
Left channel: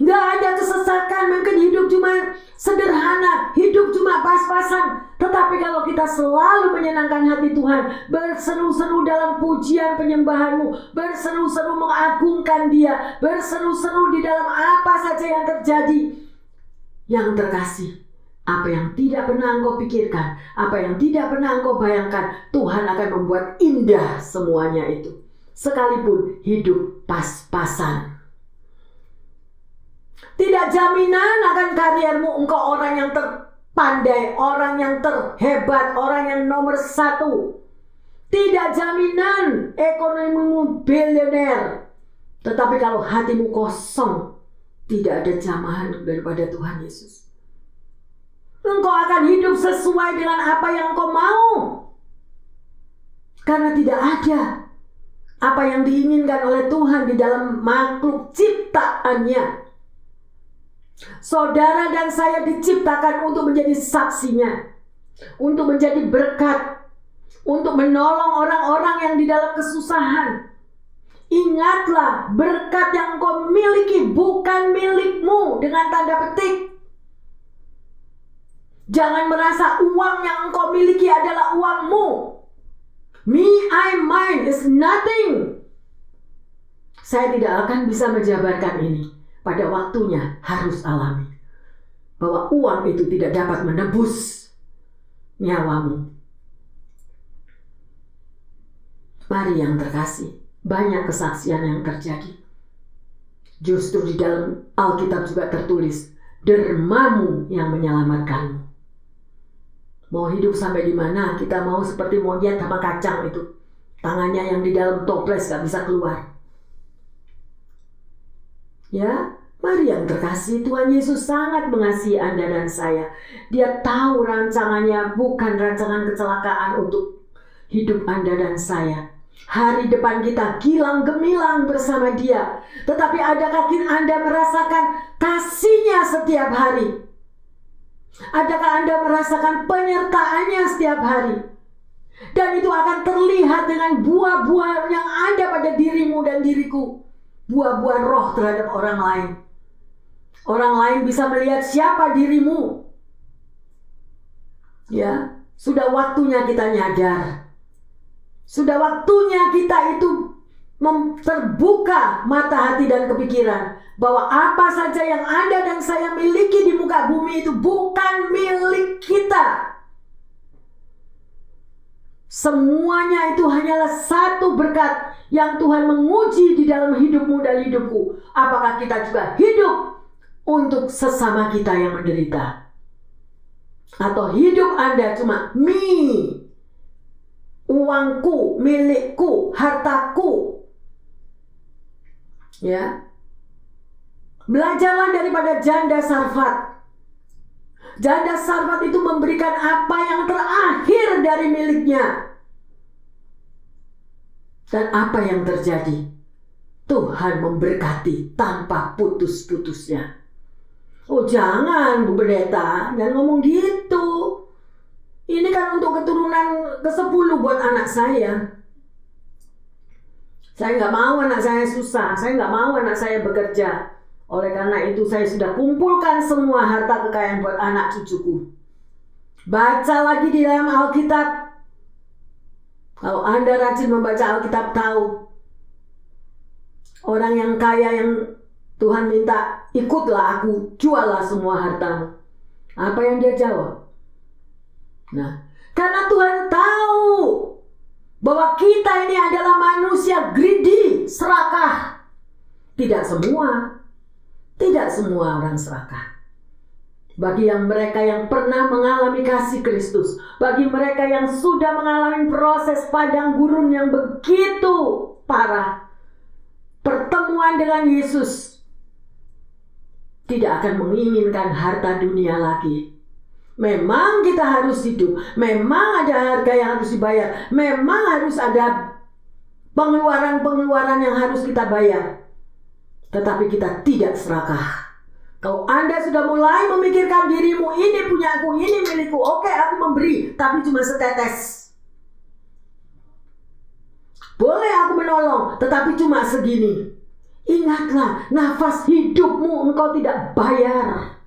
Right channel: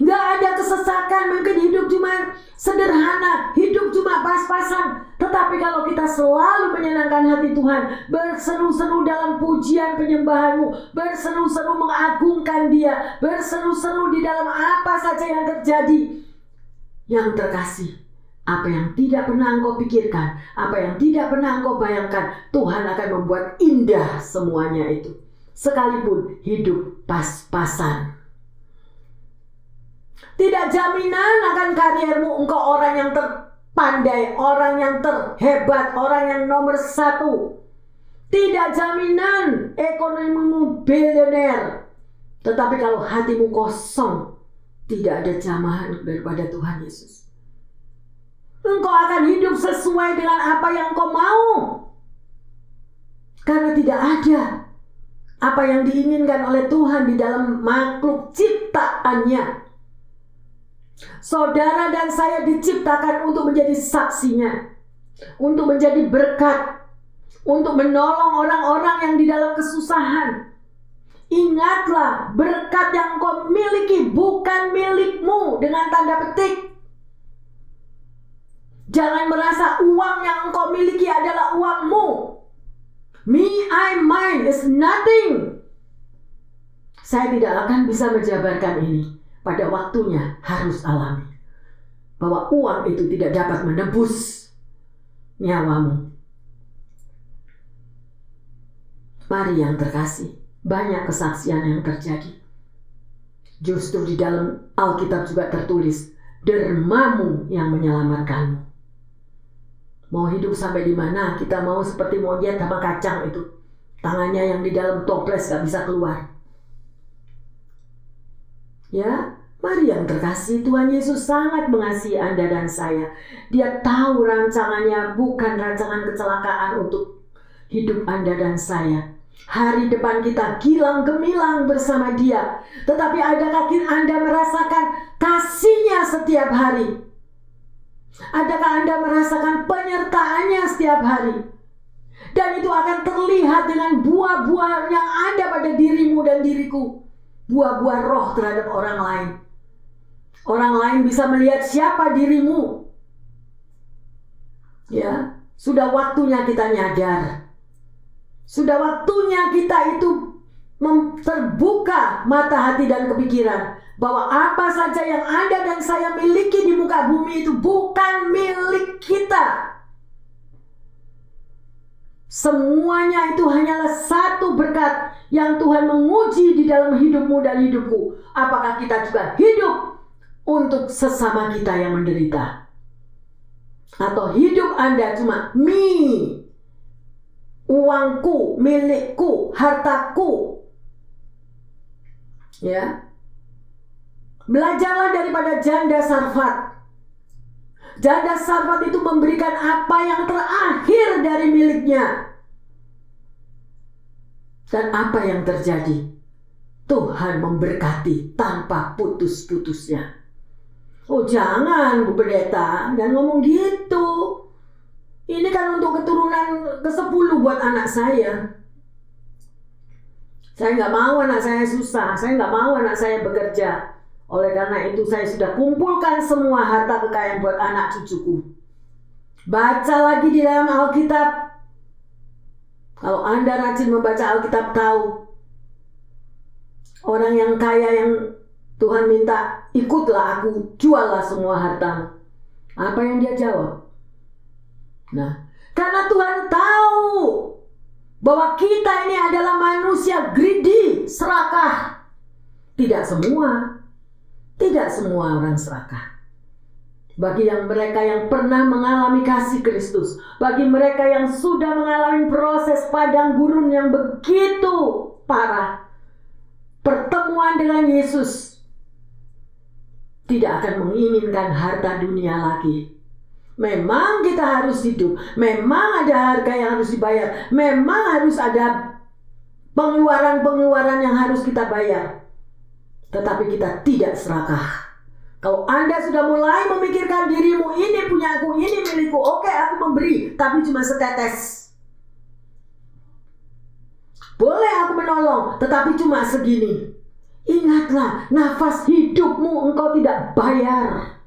Gak ada kesesakan, mungkin hidup cuma sederhana, hidup cuma pas-pasan. Tetapi kalau kita selalu menyenangkan hati Tuhan, berseru-seru dalam pujian penyembahanmu, berseru-seru mengagungkan Dia, berseru-seru di dalam apa saja yang terjadi. Yang terkasih, apa yang tidak pernah engkau pikirkan, apa yang tidak pernah engkau bayangkan, Tuhan akan membuat indah semuanya itu. Sekalipun hidup pas-pasan. Tidak jaminan akan kariermu engkau orang yang terpandai, orang yang terhebat, orang yang nomor 1. Tidak jaminan ekonomimu bilioner. Tetapi kalau hatimu kosong, tidak ada jamahan daripada Tuhan Yesus. Engkau akan hidup sesuai dengan apa yang engkau mau. Karena tidak ada apa yang diinginkan oleh Tuhan di dalam makhluk ciptaannya. Saudara dan saya diciptakan untuk menjadi saksinya, untuk menjadi berkat, untuk menolong orang-orang yang di dalam kesusahan. Ingatlah, berkat yang kau miliki bukan milikmu dengan tanda petik. Jangan merasa uang yang engkau miliki adalah uangmu. Me, I, mine is nothing. Saya tidak akan bisa menjabarkan ini. Pada waktunya harus alami. Bahwa uang itu tidak dapat menebus nyawamu. Mari yang terkasih, banyak kesaksian yang terjadi. Justru di dalam Alkitab juga tertulis, dermamu yang menyelamatkanmu. Mau hidup sampai di mana? Kita mau seperti monyet sama kacang itu. Tangannya yang di dalam toples gak bisa keluar. Ya, mari yang terkasih, Tuhan Yesus sangat mengasihi Anda dan saya. Dia tahu rancangannya bukan rancangan kecelakaan untuk hidup Anda dan saya. Hari depan kita gilang gemilang bersama Dia. Tetapi adakah Anda merasakan kasih-Nya setiap hari? Adakah Anda merasakan penyertaannya setiap hari? Dan itu akan terlihat dengan buah-buah yang ada pada dirimu dan diriku. Buah-buah roh terhadap orang lain. Orang lain bisa melihat siapa dirimu. Ya, sudah waktunya kita nyadar. Sudah waktunya kita itu terbuka mata hati dan kepikiran. Bahwa apa saja yang Anda dan saya miliki di muka bumi itu bukan milik kita. Semuanya itu hanyalah satu berkat yang Tuhan menguji di dalam hidupmu dan hidupku. Apakah kita juga hidup untuk sesama kita yang menderita? Atau hidup Anda cuma me, uangku, milikku, hartaku. Ya. Belajarlah daripada janda Sarfat. Janda Sarfat itu memberikan apa yang terakhir dari miliknya. Dan apa yang terjadi? Tuhan memberkati tanpa putus-putusnya. Oh jangan Bu Pendeta, jangan ngomong gitu. Ini kan untuk keturunan ke-10 buat anak saya. Saya nggak mau anak saya susah, saya nggak mau anak saya bekerja. Oleh karena itu saya sudah kumpulkan semua harta kekayaan buat anak cucuku. Baca lagi di dalam Alkitab. Kalau Anda rajin membaca Alkitab tahu. Orang yang kaya yang Tuhan minta, ikutlah aku, juallah semua hartamu. Apa yang dia jawab? Nah, karena Tuhan tahu bahwa kita ini adalah manusia greedy, serakah. Tidak semua orang serakah. Bagi yang mereka yang pernah mengalami kasih Kristus, bagi mereka yang sudah mengalami proses padang gurun yang begitu parah, pertemuan dengan Yesus tidak akan menginginkan harta dunia lagi. Memang kita harus hidup, memang ada harga yang harus dibayar, memang harus ada pengeluaran-pengeluaran yang harus kita bayar. Tetapi kita tidak serakah. Kalau Anda sudah mulai memikirkan dirimu, ini punya aku, ini milikku, oke aku memberi, tapi cuma setetes. Boleh aku menolong, tetapi cuma segini. Ingatlah, nafas hidupmu engkau tidak bayar.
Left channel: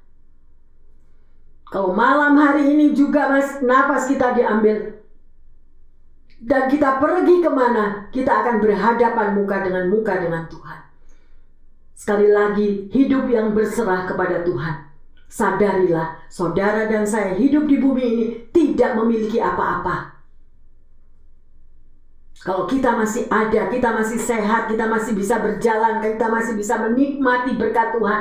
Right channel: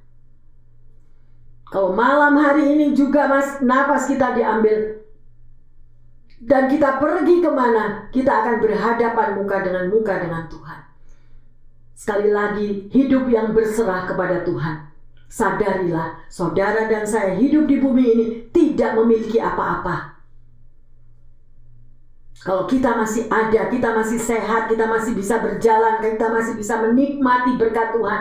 Kalau malam hari ini juga nafas kita diambil, dan kita pergi kemana, kita akan berhadapan muka dengan Tuhan. Sekali lagi, hidup yang berserah kepada Tuhan. Sadarilah, saudara dan saya hidup di bumi ini tidak memiliki apa-apa. Kalau kita masih ada, kita masih sehat, kita masih bisa berjalan, kita masih bisa menikmati berkat Tuhan.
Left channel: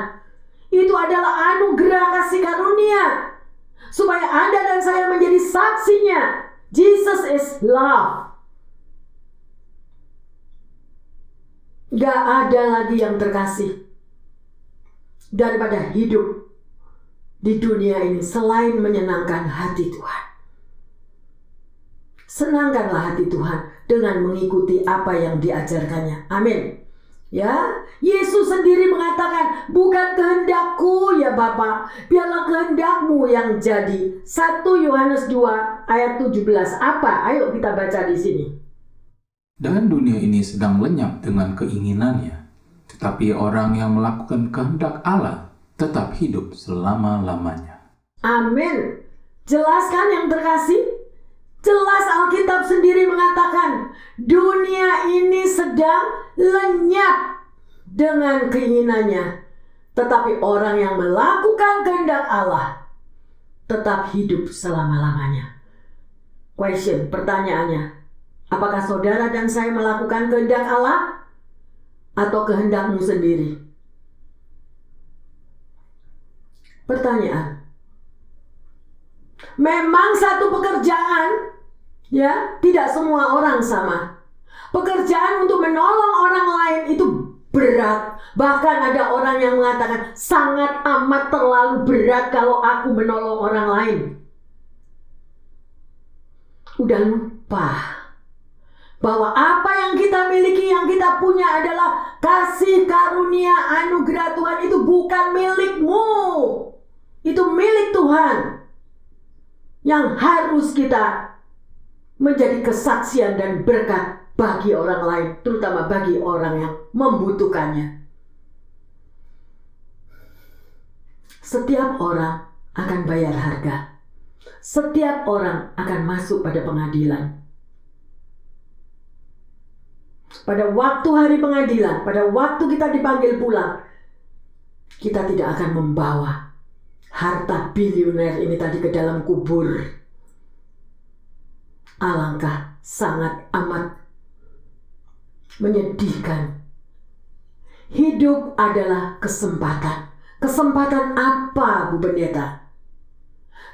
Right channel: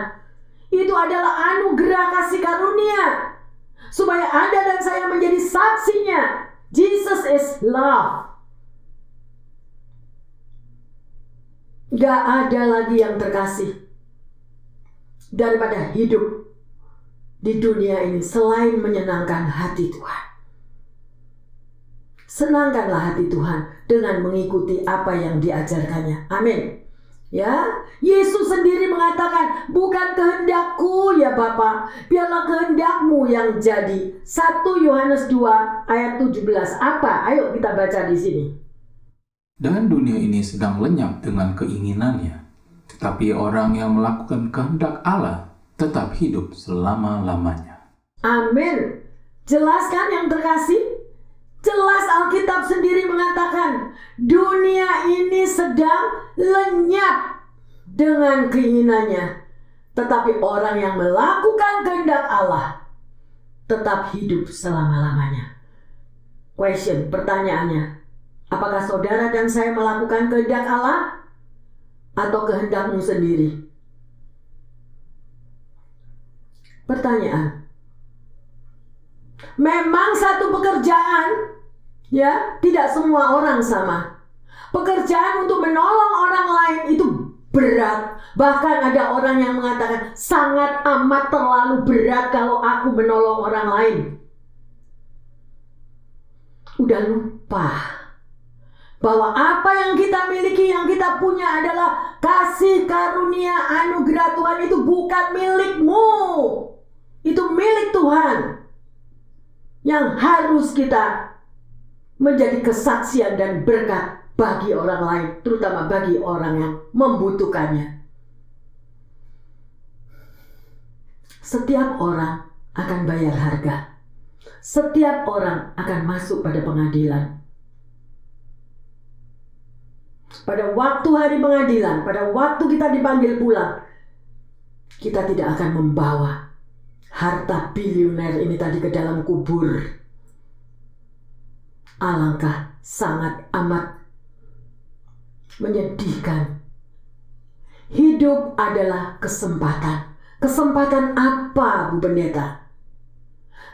Itu adalah anugerah kasih karunia. Supaya Anda dan saya menjadi saksinya. Jesus is love. Gak ada lagi yang terkasih daripada hidup di dunia ini selain menyenangkan hati Tuhan. Senangkanlah hati Tuhan dengan mengikuti apa yang diajarkannya. Amin. Ya, Yesus sendiri mengatakan, bukan kehendakku ya Bapa, biarlah kehendakmu yang jadi. 1 Yohanes 2 ayat 17. Apa? Ayo kita baca di sini. Dan dunia ini sedang lenyap dengan keinginannya, tetapi orang yang melakukan kehendak Allah tetap hidup selama-lamanya. Amin. Jelas kan yang terkasih? Jelas Alkitab sendiri mengatakan, dunia ini sedang lenyap dengan keinginannya, tetapi orang yang melakukan kehendak Allah tetap hidup selama-lamanya. Question, pertanyaannya, apakah saudara dan saya melakukan kehendak Allah atau kehendakmu sendiri? Pertanyaan. Memang satu pekerjaan, ya, tidak semua orang sama. Pekerjaan untuk menolong orang lain itu berat. Bahkan ada orang yang mengatakan sangat amat terlalu berat kalau aku menolong orang lain. Udah lupa bahwa apa yang kita miliki, yang kita punya adalah kasih karunia anugerah Tuhan. Itu bukan milikmu, itu milik Tuhan, yang harus kita menjadi kesaksian dan berkat bagi orang lain, terutama bagi orang yang membutuhkannya. Setiap orang akan bayar harga. Setiap orang akan masuk pada pengadilan. Pada waktu hari pengadilan, pada waktu kita dipanggil pulang, kita tidak akan membawa harta bilioner ini tadi ke dalam kubur. Alangkah sangat amat menyedihkan. Hidup adalah kesempatan. Kesempatan apa, Bu Pendeta?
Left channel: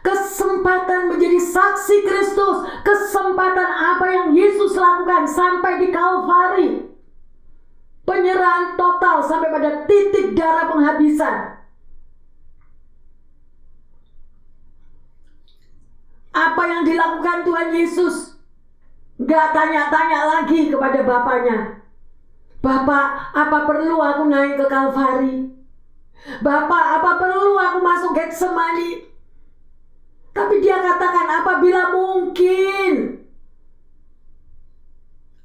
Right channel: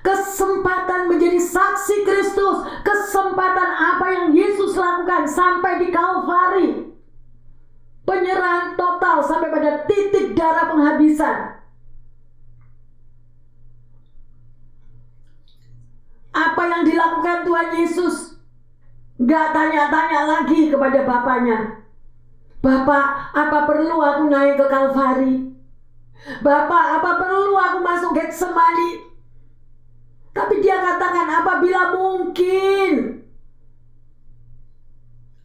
Kesempatan menjadi saksi Kristus. Kesempatan apa yang Yesus lakukan sampai di Kalvari. Penyerahan total sampai pada titik darah penghabisan. Apa yang dilakukan Tuhan Yesus? Gak tanya-tanya lagi kepada Bapaknya. Bapak, apa perlu aku naik ke Kalvari? Bapak, apa perlu aku masuk Getsemani? Tapi dia katakan, apabila mungkin.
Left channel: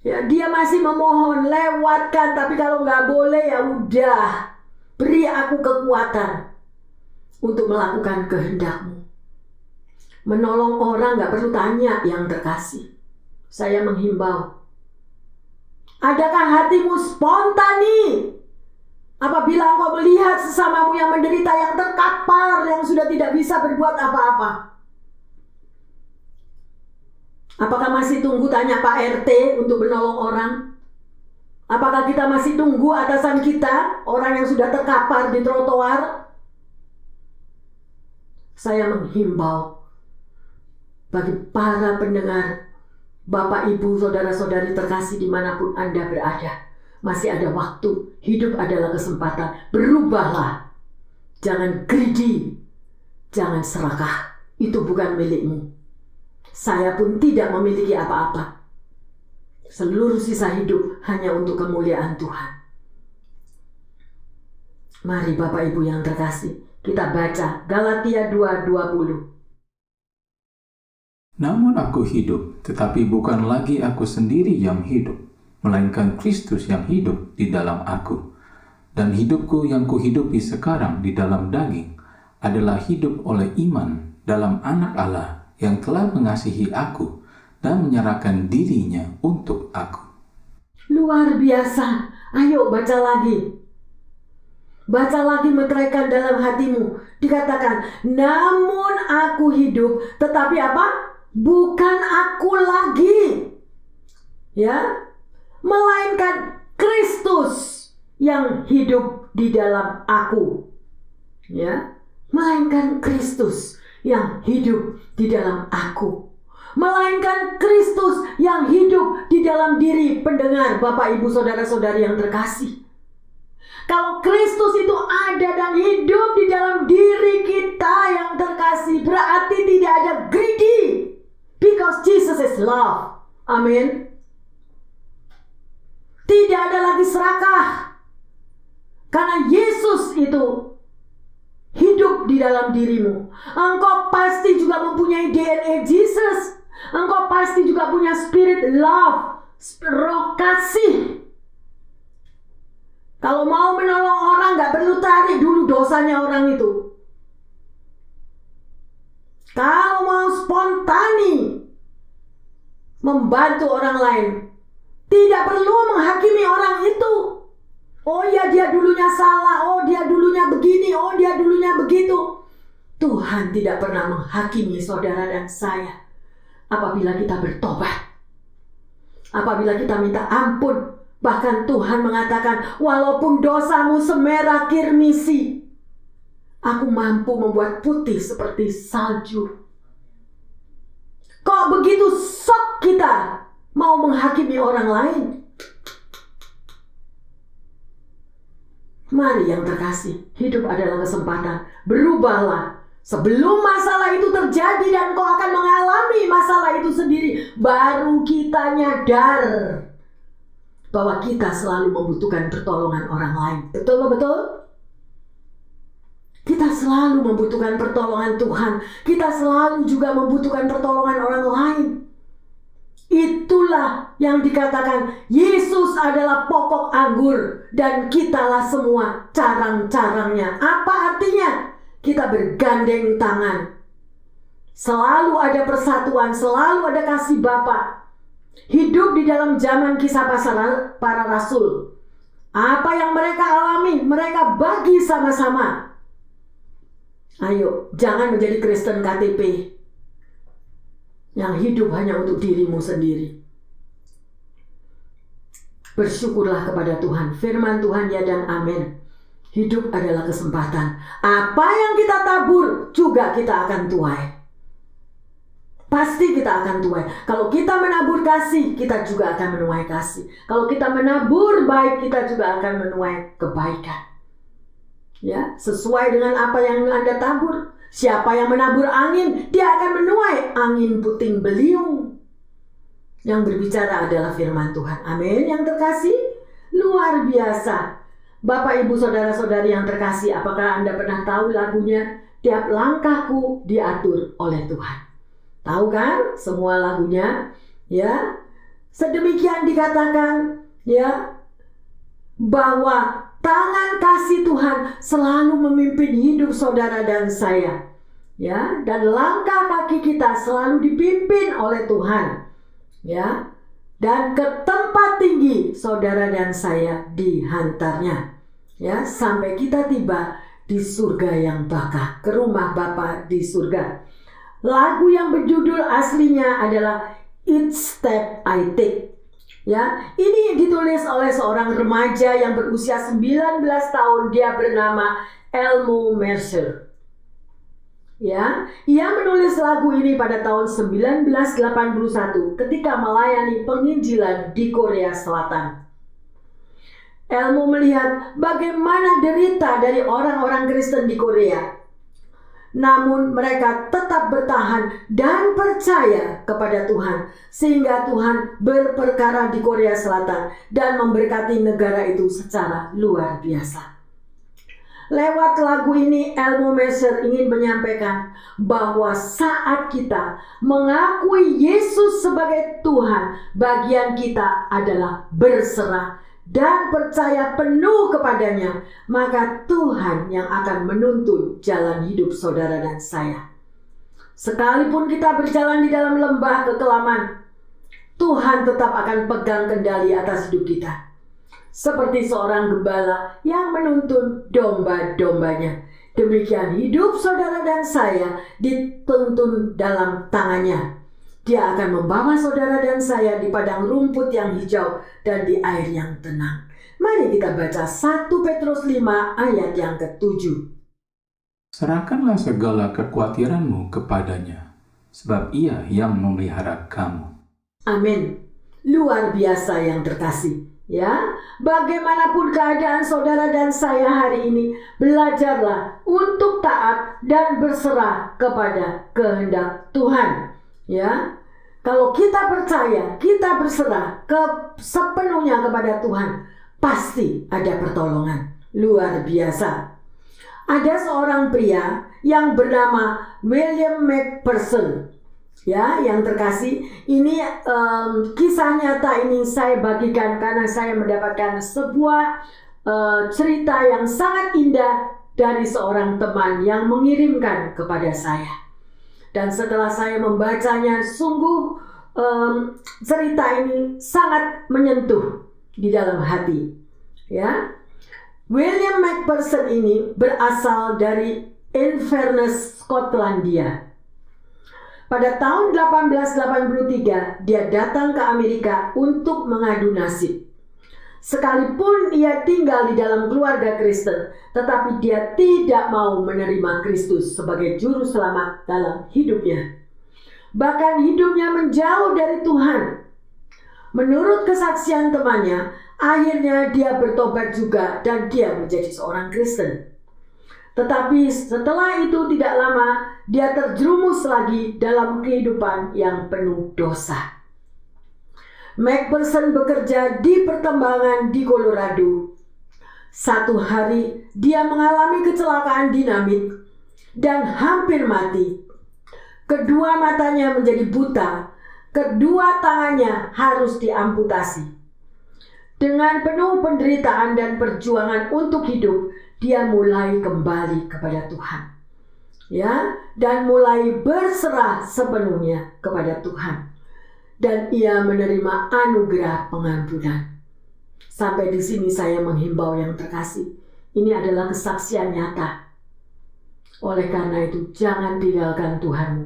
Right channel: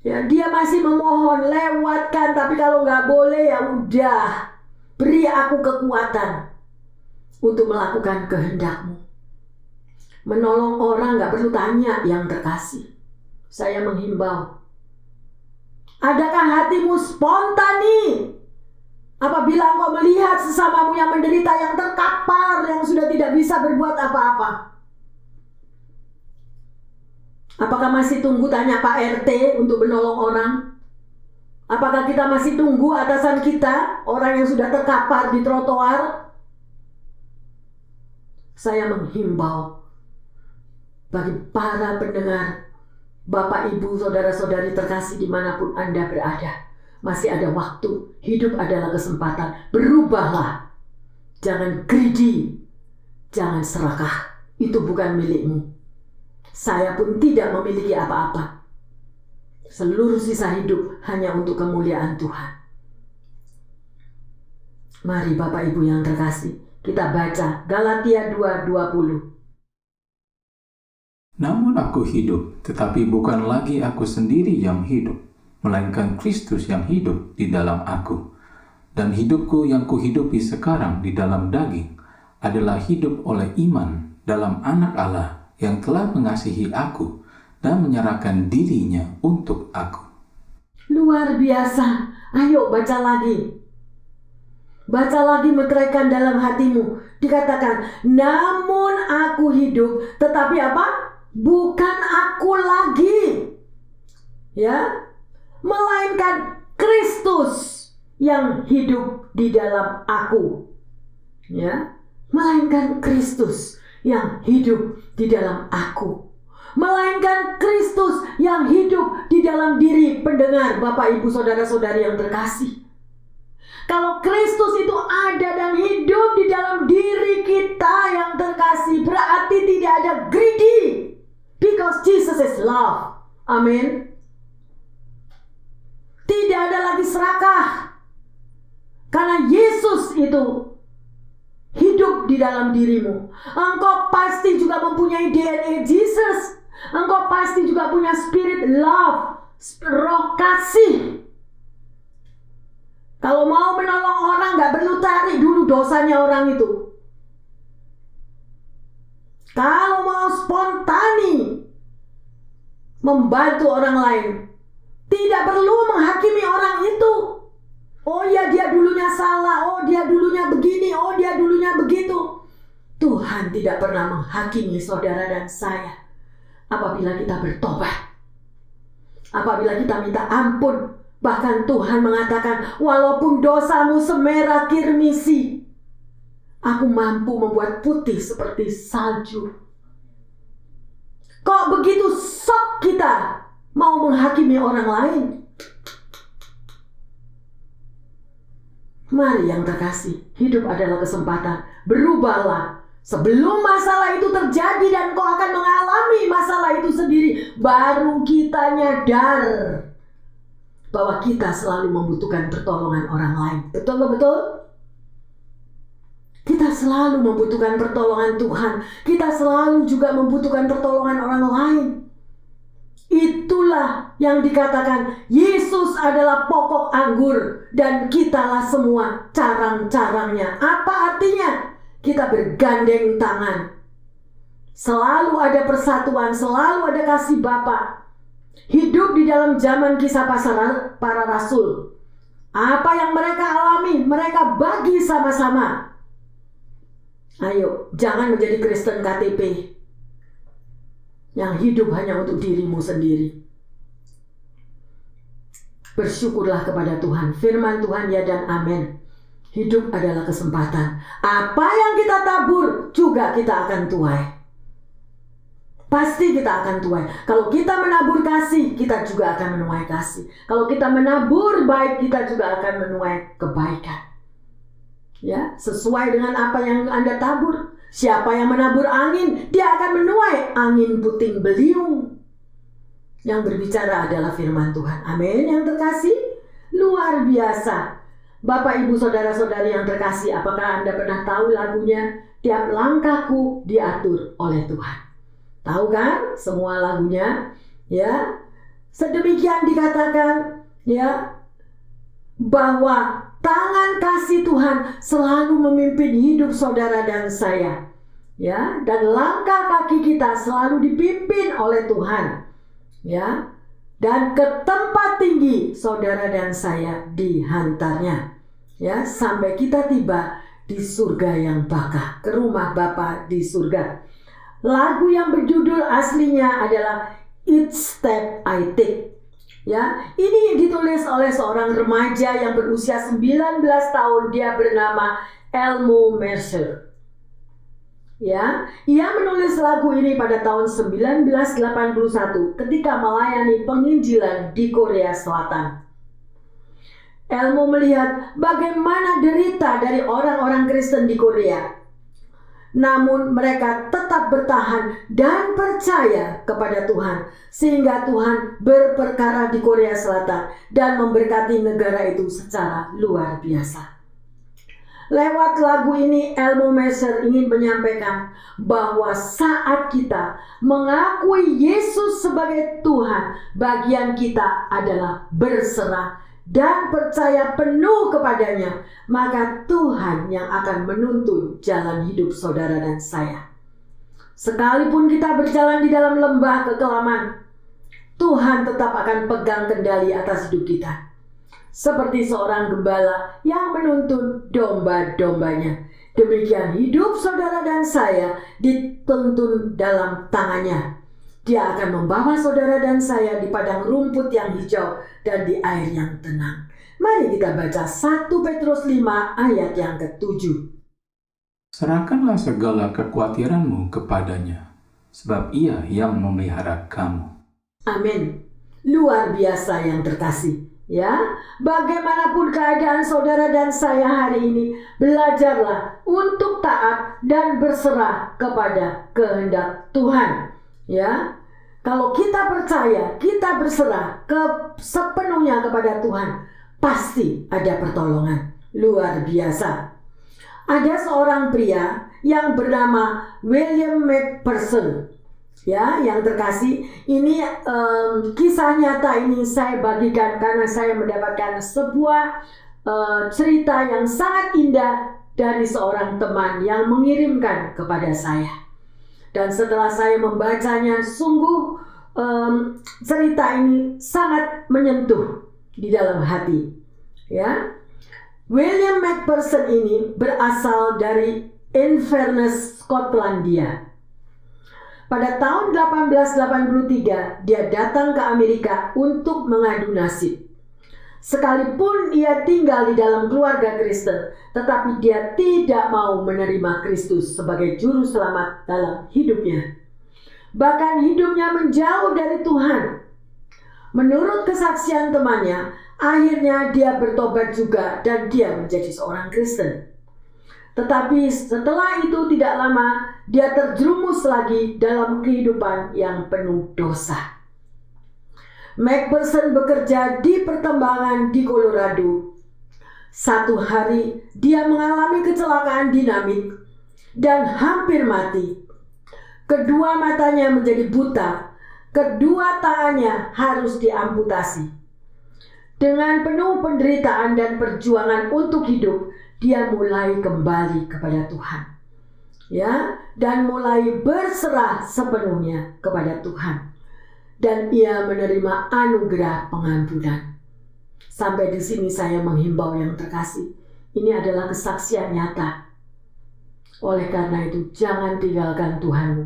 Ya, dia masih memohon, lewatkan. Tapi kalau gak boleh, ya udah. Beri aku kekuatan untuk melakukan kehendakmu. Menolong orang gak perlu tanya yang terkasih. Saya menghimbau. Adakah hatimu spontani apabila engkau melihat sesamamu yang menderita, yang terkapar, yang sudah tidak bisa berbuat apa-apa? Apakah masih tunggu tanya Pak RT untuk menolong orang? Apakah kita masih tunggu atasan kita, orang yang sudah terkapar di trotoar? Saya menghimbau bagi para pendengar, Bapak, Ibu, Saudara-saudari terkasih dimanapun Anda berada. Masih ada waktu, hidup adalah kesempatan. Berubahlah, jangan greedy, jangan serakah. Itu bukan milikmu. Saya pun tidak memiliki apa-apa. Seluruh sisa hidup hanya untuk kemuliaan Tuhan. Mari Bapak Ibu yang terkasih, kita baca Galatia 2:20. Namun aku hidup, tetapi bukan lagi aku sendiri yang hidup, melainkan Kristus yang hidup di dalam aku. Dan hidupku yang kuhidupi sekarang di dalam daging adalah hidup oleh iman dalam Anak Allah yang telah mengasihi aku dan menyerahkan dirinya untuk aku. Luar biasa. Ayo baca lagi. Baca lagi, meteraikan dalam hatimu. Dikatakan, namun aku hidup, tetapi apa? Bukan aku lagi, ya, melainkan Kristus yang hidup di dalam aku, ya, melainkan Kristus yang hidup di dalam aku, melainkan Kristus yang hidup di dalam diri pendengar, Bapak, Ibu, Saudara-saudari yang terkasih. Kalau Kristus itu ada dan hidup di dalam diri kita yang terkasih, berarti tidak ada greedy. Because Jesus is love. Amin. Tidak ada lagi serakah. Karena Yesus itu hidup di dalam dirimu. Engkau pasti juga mempunyai DNA Jesus. Engkau pasti juga punya spirit love, roh kasih. Kalau mau menolong orang, gak perlu tarik dulu dosanya orang itu. Kalau mau spontani membantu orang lain, tidak perlu menghakimi orang itu. Oh ya, dia dulunya salah, oh dia dulunya begini, oh dia dulunya begitu. Tuhan tidak pernah menghakimi saudara dan saya apabila kita bertobat. Apabila kita minta ampun. Bahkan Tuhan mengatakan, walaupun dosamu semerah kirmisi, aku mampu membuat putih seperti salju. Kok begitu sok kita mau menghakimi orang lain? Mari yang terkasih, hidup adalah kesempatan. Berubahlah. Sebelum masalah itu terjadi dan kau akan mengalami masalah itu sendiri, baru kita nyadar bahwa kita selalu membutuhkan pertolongan orang lain. Betul? Kita selalu membutuhkan pertolongan Tuhan. Kita selalu juga membutuhkan pertolongan orang lain. Itulah yang dikatakan Yesus adalah pokok anggur dan kitalah semua carang-carangnya. Apa artinya? Kita bergandeng tangan. Selalu ada persatuan, selalu ada kasih Bapa. Hidup di dalam zaman kisah para rasul. Apa yang mereka alami, mereka bagi sama-sama. Ayo, jangan menjadi Kristen KTP yang hidup hanya untuk dirimu sendiri. Bersyukurlah kepada Tuhan. Firman Tuhan ya dan amin. Hidup adalah kesempatan. Apa yang kita tabur juga kita akan tuai. Pasti kita akan tuai. Kalau kita menabur kasih, kita juga akan menuai kasih. Kalau kita menabur baik, kita juga akan menuai kebaikan. Ya, sesuai dengan apa yang Anda tabur. Siapa yang menabur angin, dia akan menuai angin puting beliung. Yang berbicara adalah firman Tuhan. Amin. Yang terkasih, luar biasa. Bapak, Ibu, saudara-saudari yang terkasih, apakah Anda pernah tahu lagunya Tiap Langkahku Diatur oleh Tuhan? Tahu kan semua lagunya? Ya. Sedemikian dikatakan ya bahwa tangan kasih Tuhan selalu memimpin hidup saudara dan saya. Ya, dan langkah kaki kita selalu dipimpin oleh Tuhan. Ya. Dan ke tempat tinggi saudara dan saya dihantarnya. Ya, sampai kita tiba di surga yang bakah, ke rumah Bapa di surga. Lagu yang berjudul aslinya adalah Each Step I Take. Ya, ini ditulis oleh seorang remaja yang berusia 19 tahun. Dia bernama Elmo Mercer. Ya, ia menulis lagu ini pada tahun 1981 ketika melayani penginjilan di Korea Selatan. Elmo melihat bagaimana derita dari orang-orang Kristen di Korea. Namun mereka tetap bertahan dan percaya kepada Tuhan. Sehingga Tuhan berperkara di Korea Selatan dan memberkati negara itu secara luar biasa. Lewat lagu ini Elmo Mercer ingin menyampaikan bahwa saat kita mengakui Yesus sebagai Tuhan, bagian kita adalah berserah dan percaya penuh kepadanya, maka Tuhan yang akan menuntun jalan hidup saudara dan saya. Sekalipun kita berjalan di dalam lembah kekelaman, Tuhan tetap akan pegang kendali atas hidup kita. Seperti seorang gembala yang menuntun domba-dombanya. Demikian hidup saudara dan saya dituntun dalam tangannya. Dia akan membawa saudara dan saya di padang rumput yang hijau dan di air yang tenang. Mari kita baca 1 Petrus 5 ayat yang ke-7. Serahkanlah segala kekhawatiranmu kepadanya, sebab ia yang memelihara kamu. Amin. Luar biasa yang terkasih. Ya, bagaimanapun keadaan saudara dan saya hari ini, belajarlah untuk taat dan berserah kepada kehendak Tuhan. Ya, kalau kita percaya, kita berserah sepenuhnya kepada Tuhan, pasti ada pertolongan. luar biasa. Ada seorang pria yang bernama William McPherson. Ya, yang terkasih, ini kisah nyata ini saya bagikan karena saya mendapatkan sebuah cerita yang sangat indah dari seorang teman yang mengirimkan kepada saya. Dan setelah saya membacanya, sungguh cerita ini sangat menyentuh di dalam hati. Ya, William McPherson ini berasal dari Inverness, Skotlandia. Pada tahun 1883 dia datang ke Amerika untuk mengadu nasib. Sekalipun ia tinggal di dalam keluarga Kristen, tetapi dia tidak mau menerima Kristus sebagai juru selamat dalam hidupnya. Bahkan hidupnya menjauh dari Tuhan. Menurut kesaksian temannya, akhirnya dia bertobat juga dan dia menjadi seorang Kristen. Tetapi setelah itu tidak lama, dia terjerumus lagi dalam kehidupan yang penuh dosa. McPherson bekerja di pertambangan di Colorado. Satu hari dia mengalami kecelakaan dinamit dan hampir mati. Kedua matanya menjadi buta, kedua tangannya harus diamputasi. Dengan penuh penderitaan dan perjuangan untuk hidup, dia mulai kembali kepada Tuhan. Ya, dan mulai berserah sepenuhnya kepada Tuhan. Dan ia menerima anugerah pengampunan. Sampai di sini saya menghimbau yang terkasih. Ini adalah kesaksian nyata. Oleh karena itu, jangan tinggalkan Tuhanmu.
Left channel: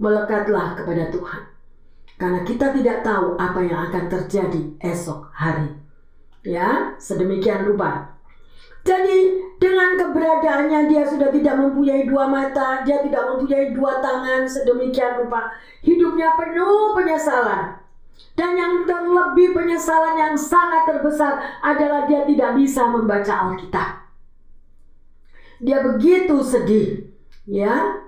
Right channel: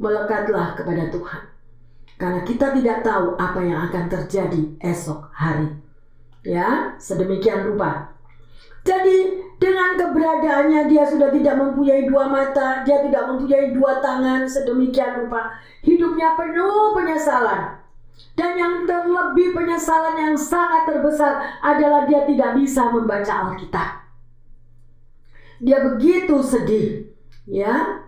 Melekatlah kepada Tuhan. Karena kita tidak tahu apa yang akan terjadi esok hari. Ya, sedemikian rupa. Jadi dengan keberadaannya dia sudah tidak mempunyai dua mata, dia tidak mempunyai dua tangan, sedemikian rupa. Hidupnya penuh penyesalan. Dan yang terlebih penyesalan yang sangat terbesar adalah dia tidak bisa membaca Alkitab. Dia begitu sedih, ya.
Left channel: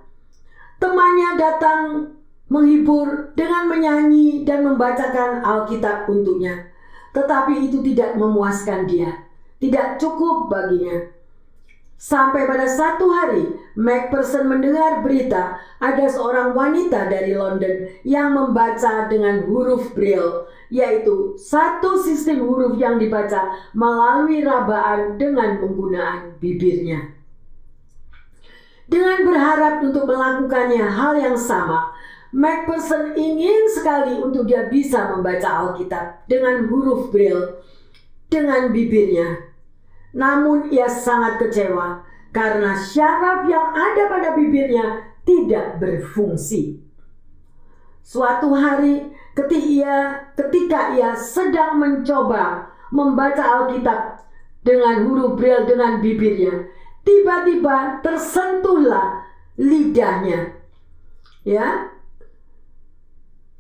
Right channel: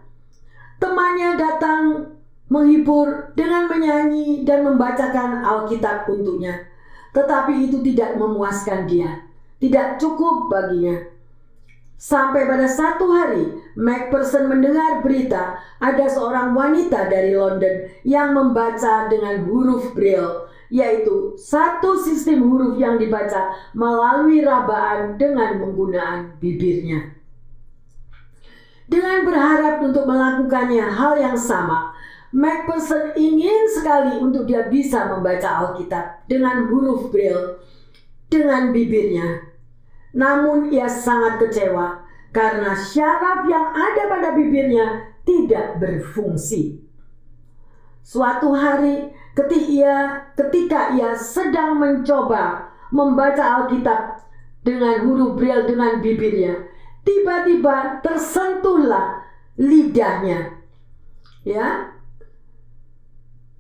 Temannya datang menghibur dengan menyanyi dan membacakan Alkitab untuknya. Tetapi itu tidak memuaskan dia. Tidak cukup baginya. Sampai pada satu hari, McPherson mendengar berita ada seorang wanita dari London yang membaca dengan huruf Braille, yaitu satu sistem huruf yang dibaca melalui rabaan dengan penggunaan bibirnya. Dengan berharap untuk melakukannya hal yang sama, McPherson ingin sekali untuk dia bisa membaca Alkitab dengan huruf Braille dengan bibirnya. Namun ia sangat kecewa karena syaraf yang ada pada bibirnya tidak berfungsi. Suatu hari ketika ia sedang mencoba membaca Alkitab dengan huruf Braille dengan bibirnya, tiba-tiba tersentuhlah lidahnya. Ya.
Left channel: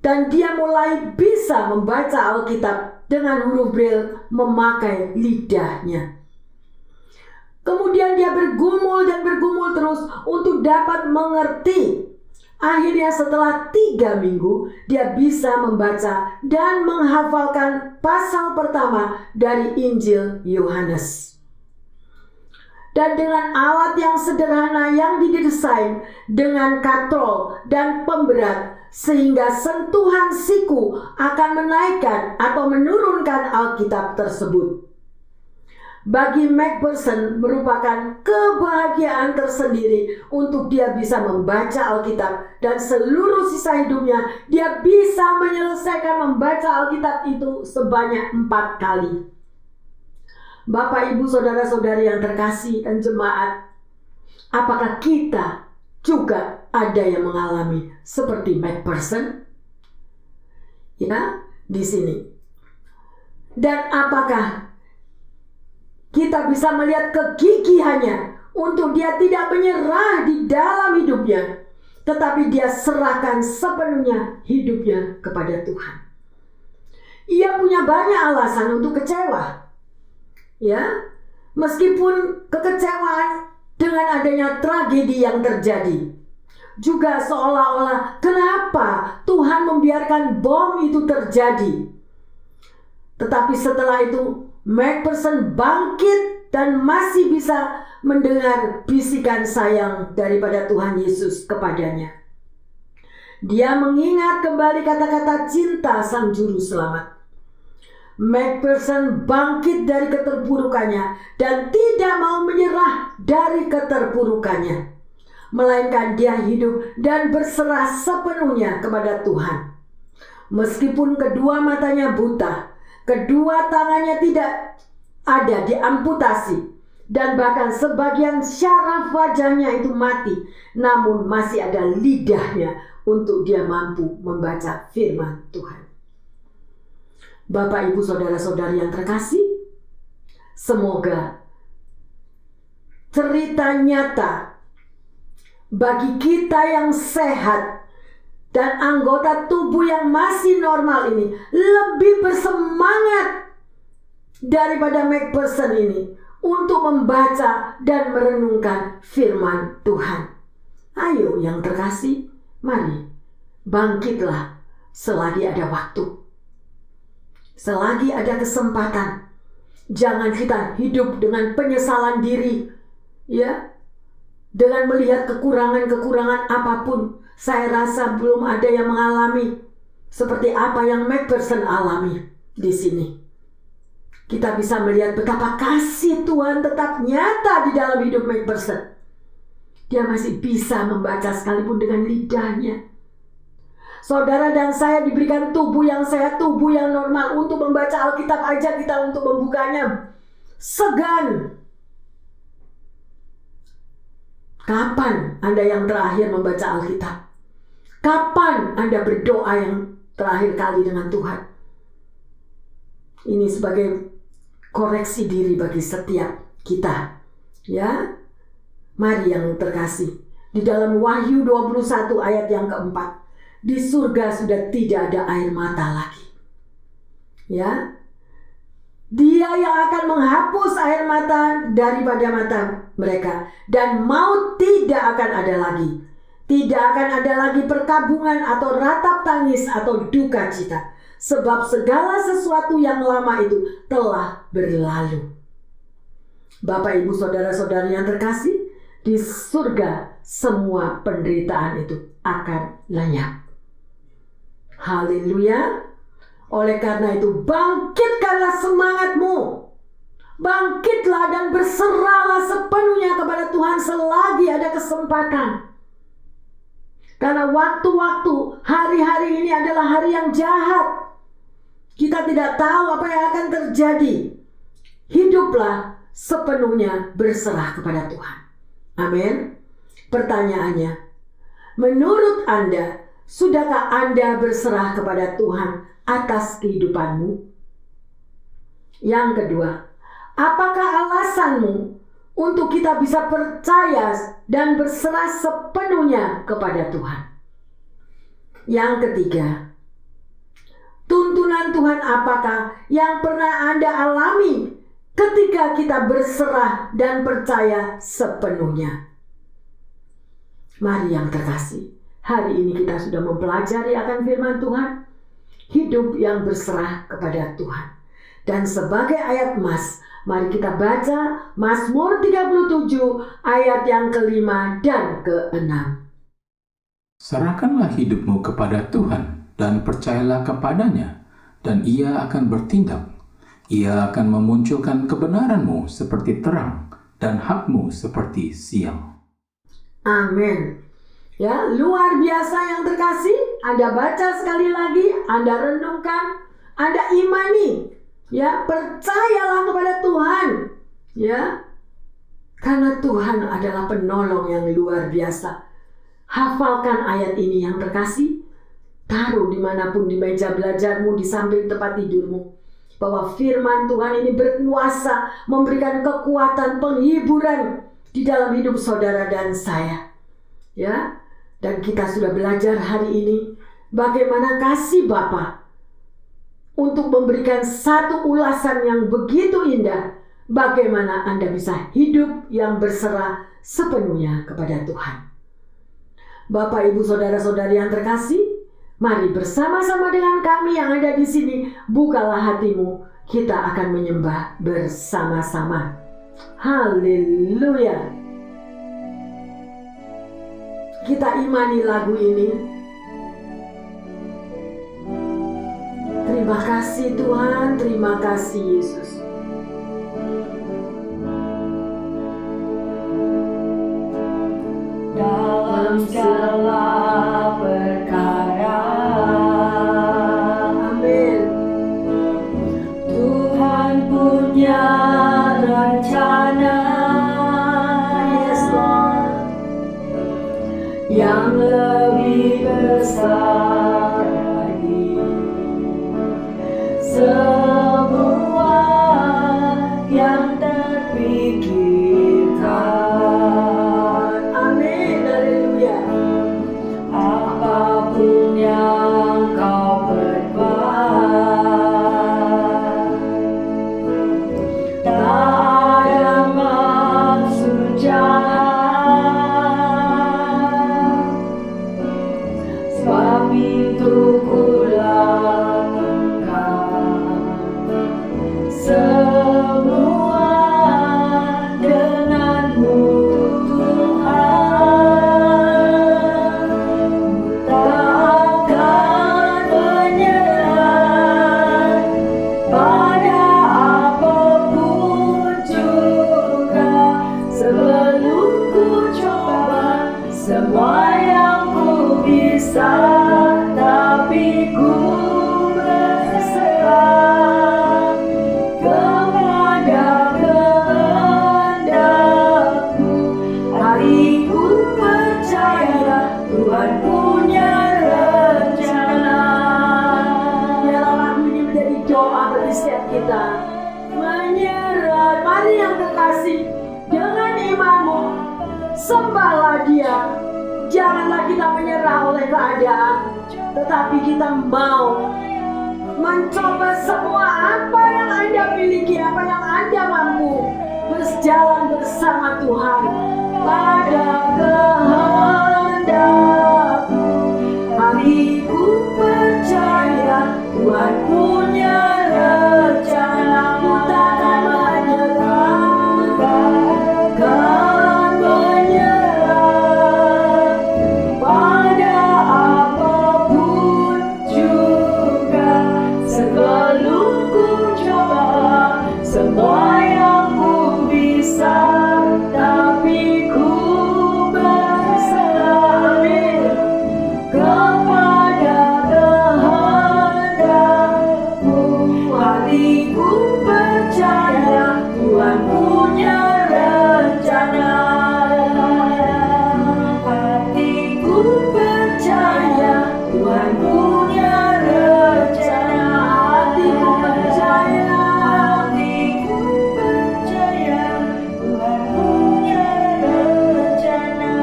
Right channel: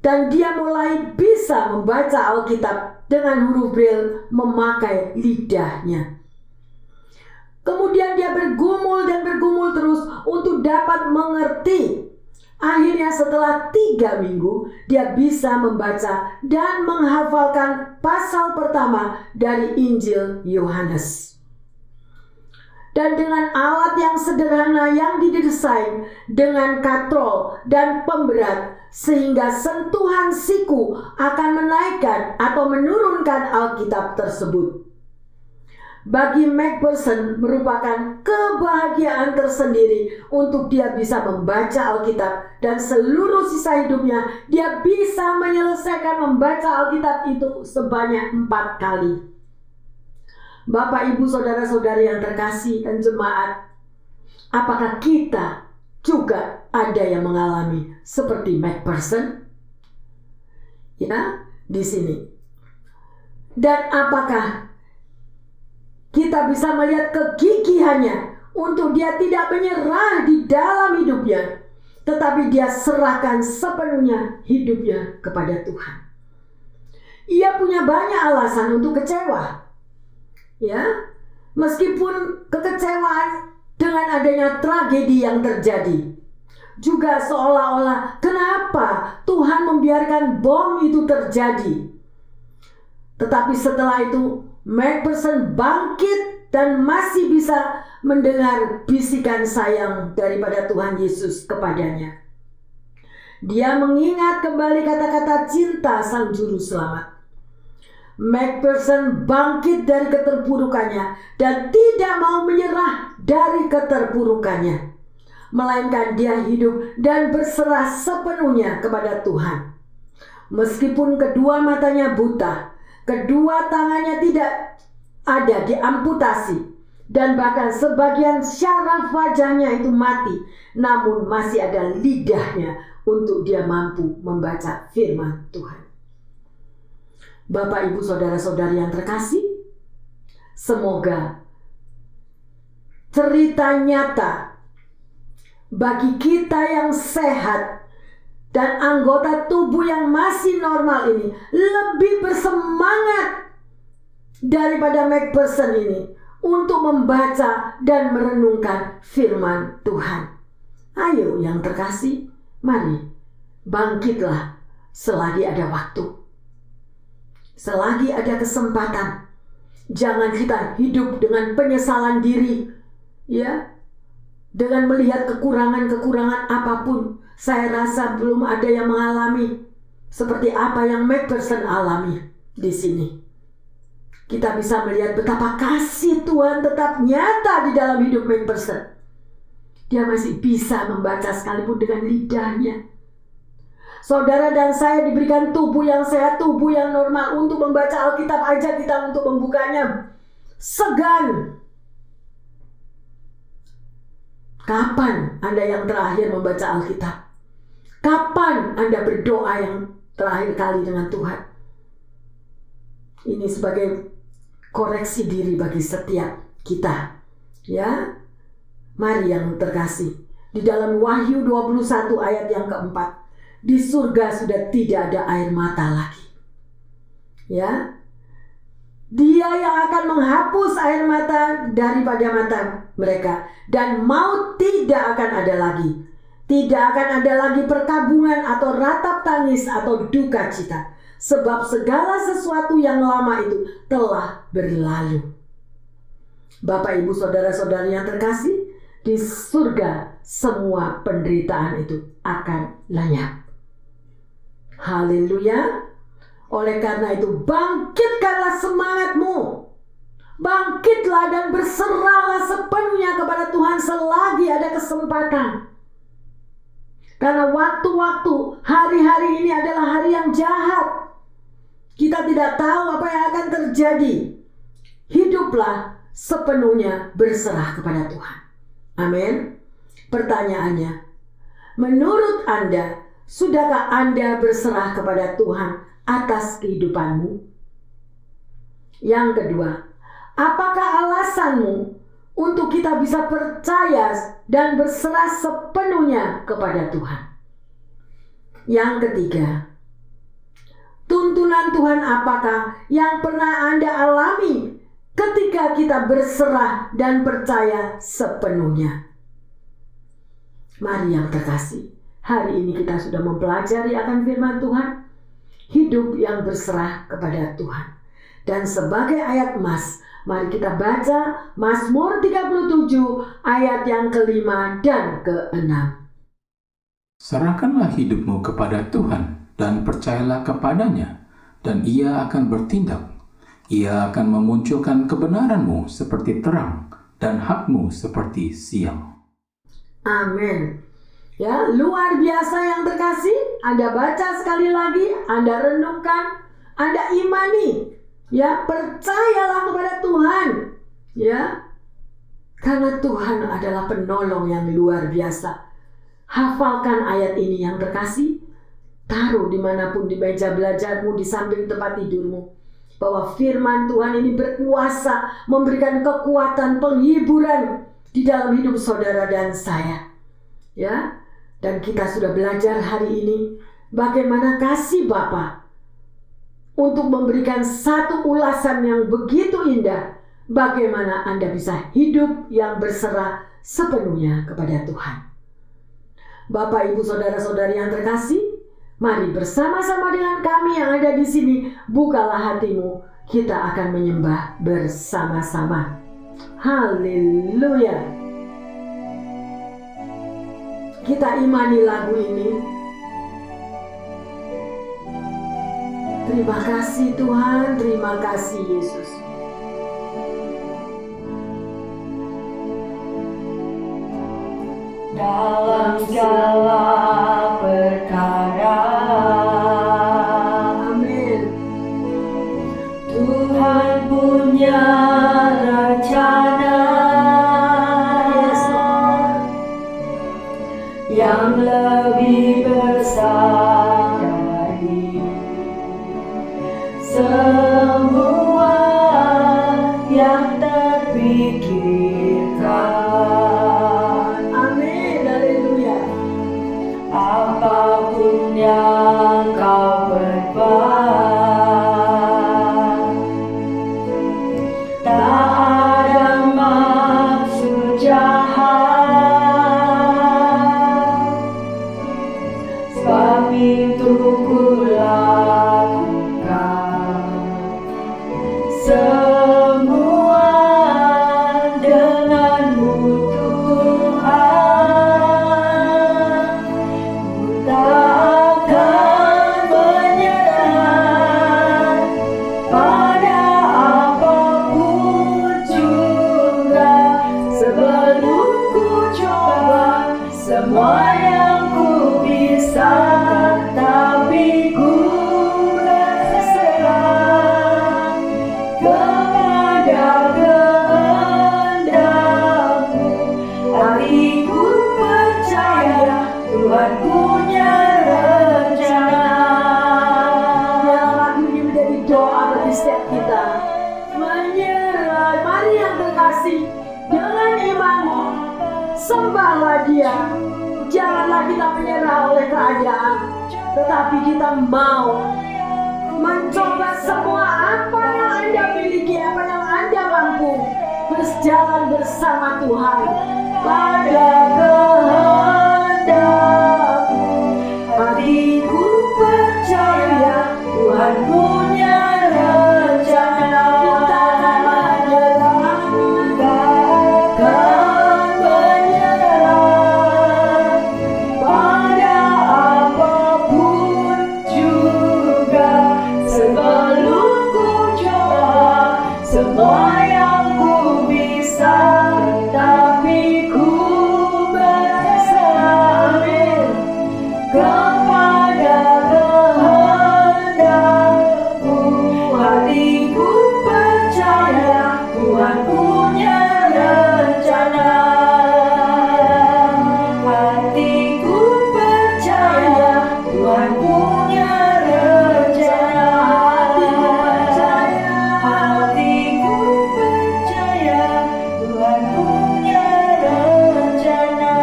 Dan dia mulai bisa membaca Alkitab dengan huruf Braille memakai lidahnya. Kemudian dia bergumul dan bergumul terus untuk dapat mengerti. Akhirnya setelah 3 minggu dia bisa membaca dan menghafalkan pasal pertama dari Injil Yohanes. Dan dengan alat yang sederhana yang didesain dengan katrol dan pemberat, sehingga sentuhan siku akan menaikkan atau menurunkan Alkitab tersebut. Bagi McPherson merupakan kebahagiaan tersendiri untuk dia bisa membaca Alkitab, dan seluruh sisa hidupnya dia bisa menyelesaikan membaca Alkitab itu sebanyak 4 kali. Bapak, Ibu, Saudara-saudari yang terkasih dan jemaat, apakah kita juga ada yang mengalami seperti McPherson? Ya, di sini. Dan apakah kita bisa melihat kegigihannya untuk dia tidak menyerah di dalam hidupnya, tetapi dia serahkan sepenuhnya hidupnya kepada Tuhan. Ia punya banyak alasan untuk kecewa. Ya, meskipun kekecewaan dengan adanya tragedi yang terjadi. Juga seolah-olah kenapa Tuhan membiarkan bom itu terjadi. Tetapi setelah itu McPherson bangkit dan masih bisa mendengar bisikan sayang daripada Tuhan Yesus kepadanya. Dia mengingat kembali kata-kata cinta Sang Juru Selamat. Macpherson bangkit dari keterpurukannya dan tidak mau menyerah dari keterpurukannya, melainkan dia hidup dan berserah sepenuhnya kepada Tuhan. Meskipun kedua matanya buta, kedua tangannya tidak ada diamputasi, dan bahkan sebagian syaraf wajahnya itu mati, namun masih ada lidahnya untuk dia mampu membaca firman Tuhan. Bapak, Ibu, saudara-saudari yang terkasih, semoga cerita nyata bagi kita yang sehat dan anggota tubuh yang masih normal ini lebih bersemangat daripada Macpherson ini untuk membaca dan merenungkan firman Tuhan. Ayo yang terkasih, mari bangkitlah selagi ada waktu. Selagi ada kesempatan. Jangan kita hidup dengan penyesalan diri, ya, dengan melihat kekurangan-kekurangan apapun. Saya rasa belum ada yang mengalami seperti apa yang Macpherson alami di sini. Kita bisa melihat betapa kasih Tuhan tetap nyata di dalam hidup Macpherson. Dia masih bisa membaca sekalipun dengan lidahnya. Saudara dan saya diberikan tubuh yang sehat, tubuh yang normal. Untuk membaca Alkitab aja kita untuk membukanya segan. Kapan Anda yang terakhir membaca Alkitab? Kapan Anda berdoa yang terakhir kali dengan Tuhan? Ini sebagai koreksi diri bagi setiap kita. Ya, mari yang terkasih. Di dalam Wahyu 21 ayat yang keempat. Di surga sudah tidak ada air mata lagi. Ya. Dia yang akan menghapus air mata daripada mata mereka, dan maut tidak akan ada lagi. Tidak akan ada lagi perkabungan atau ratap tangis atau duka cita, sebab segala sesuatu yang lama itu telah berlalu. Bapak, Ibu, saudara-saudari yang terkasih, di surga semua penderitaan itu akan lenyap. Haleluya. Oleh karena itu bangkitkanlah semangatmu. Bangkitlah dan berserahlah sepenuhnya kepada Tuhan selagi ada kesempatan. Karena waktu-waktu hari-hari ini adalah hari yang jahat. Kita tidak tahu apa yang akan terjadi. Hiduplah sepenuhnya berserah kepada Tuhan. Amin. Pertanyaannya, menurut Anda, sudahkah Anda berserah kepada Tuhan atas kehidupanmu? Yang kedua, apakah alasanmu untuk kita bisa percaya dan berserah sepenuhnya kepada Tuhan? Yang ketiga, tuntunan Tuhan apakah yang pernah Anda alami ketika kita berserah dan percaya sepenuhnya? Mari yang terkasih, hari ini kita sudah mempelajari akan firman Tuhan, hidup yang berserah kepada Tuhan. Dan sebagai ayat emas, mari kita baca Mazmur 37 ayat yang ke-5 dan ke-6. Serahkanlah hidupmu kepada Tuhan dan percayalah kepadanya, dan Ia akan bertindak. Ia akan memunculkan kebenaranmu seperti terang dan hakmu seperti siang. Amin. Ya, luar biasa yang terkasih. Anda baca sekali lagi, Anda renungkan, Anda imani. Ya, percayalah kepada Tuhan. Ya. Karena Tuhan adalah penolong yang luar biasa. Hafalkan ayat ini yang terkasih. Taruh dimanapun di meja belajarmu, di samping tempat tidurmu. Bahwa firman Tuhan ini berkuasa, memberikan kekuatan, penghiburan di dalam hidup saudara dan saya. Ya, dan kita sudah belajar hari ini bagaimana kasih Bapa untuk memberikan satu ulasan yang begitu indah. Bagaimana Anda bisa hidup yang berserah sepenuhnya kepada Tuhan. Bapak, Ibu, saudara-saudari yang terkasih, mari bersama-sama dengan kami yang ada di sini, bukalah hatimu, kita akan menyembah bersama-sama. Haleluya. Kita imani lagu ini. Terima kasih Tuhan, terima kasih Yesus. Dalam segala perkara, Amin. Tuhan punya rencana Yes Lord. yang lebih besar dari semua yang terpikirkan. Amin. Haleluya. Apapun yang kau berbuat, tak ada maksud jahat, sebab itu ku lakukan semua denganmu Tuhan. Ku tak akan menyerah pada apapun juga, sebelum ku coba semua yang ku bisa, tetapi ku berserah kepada kehendak-Mu. Hatiku percaya Tuhan punya rencana. Biarlah lagu ini menjadi doa bagi setiap kita. Menyerah, mari yang terkasih, dengan imanmu sembahlah Dia. Janganlah kita menyerah oleh keadaan, tetapi kita mau mencoba semua apa yang Anda miliki, apa yang Anda mampu, berjalan bersama Tuhan pada kehendak-Mu. Hatiku percaya Tuhan punya rencana. Ku takkan menyerah, takkan menyerah pada apapun juga, sebelum ku coba semua yang ku bisa, tetapi ku berserah kepada kehendak-Mu. Hatiku percaya Tuhan punya rencana. Hatiku percaya Tuhan punya rencana. Hatiku percaya Tuhan punya rencana.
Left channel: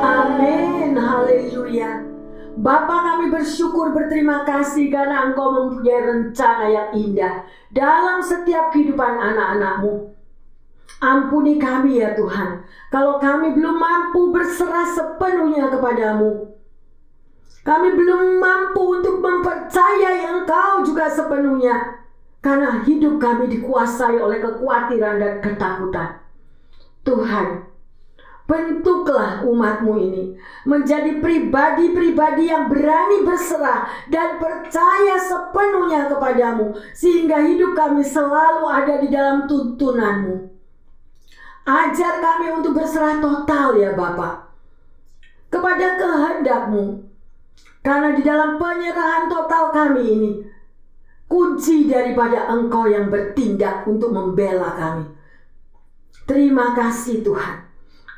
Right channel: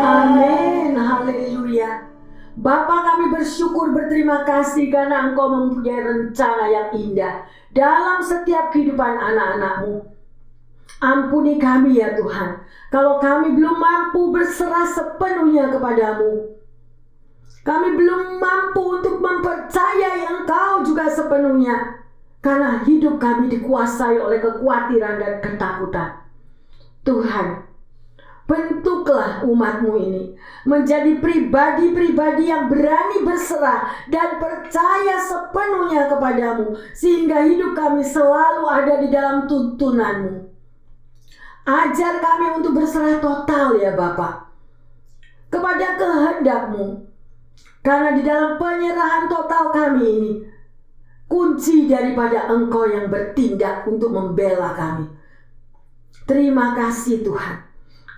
Amin, haleluya. Bapa, kami bersyukur, berterima kasih karena Engkau mempunyai rencana yang indah dalam setiap kehidupan anak-anak-Mu. Ampuni kami ya Tuhan, kalau kami belum mampu berserah sepenuhnya kepadamu. Kami belum mampu untuk mempercayai Engkau juga sepenuhnya, karena hidup kami dikuasai oleh kekhawatiran dan ketakutan. Tuhan, bentuklah umat-Mu ini menjadi pribadi-pribadi yang berani berserah dan percaya sepenuhnya kepadamu, sehingga hidup kami selalu ada di dalam tuntunan-Mu. Ajar kami untuk berserah total ya Bapa kepada kehendak-Mu, karena di dalam penyerahan total kami ini kunci daripada Engkau yang bertindak untuk membela kami. Terima kasih Tuhan.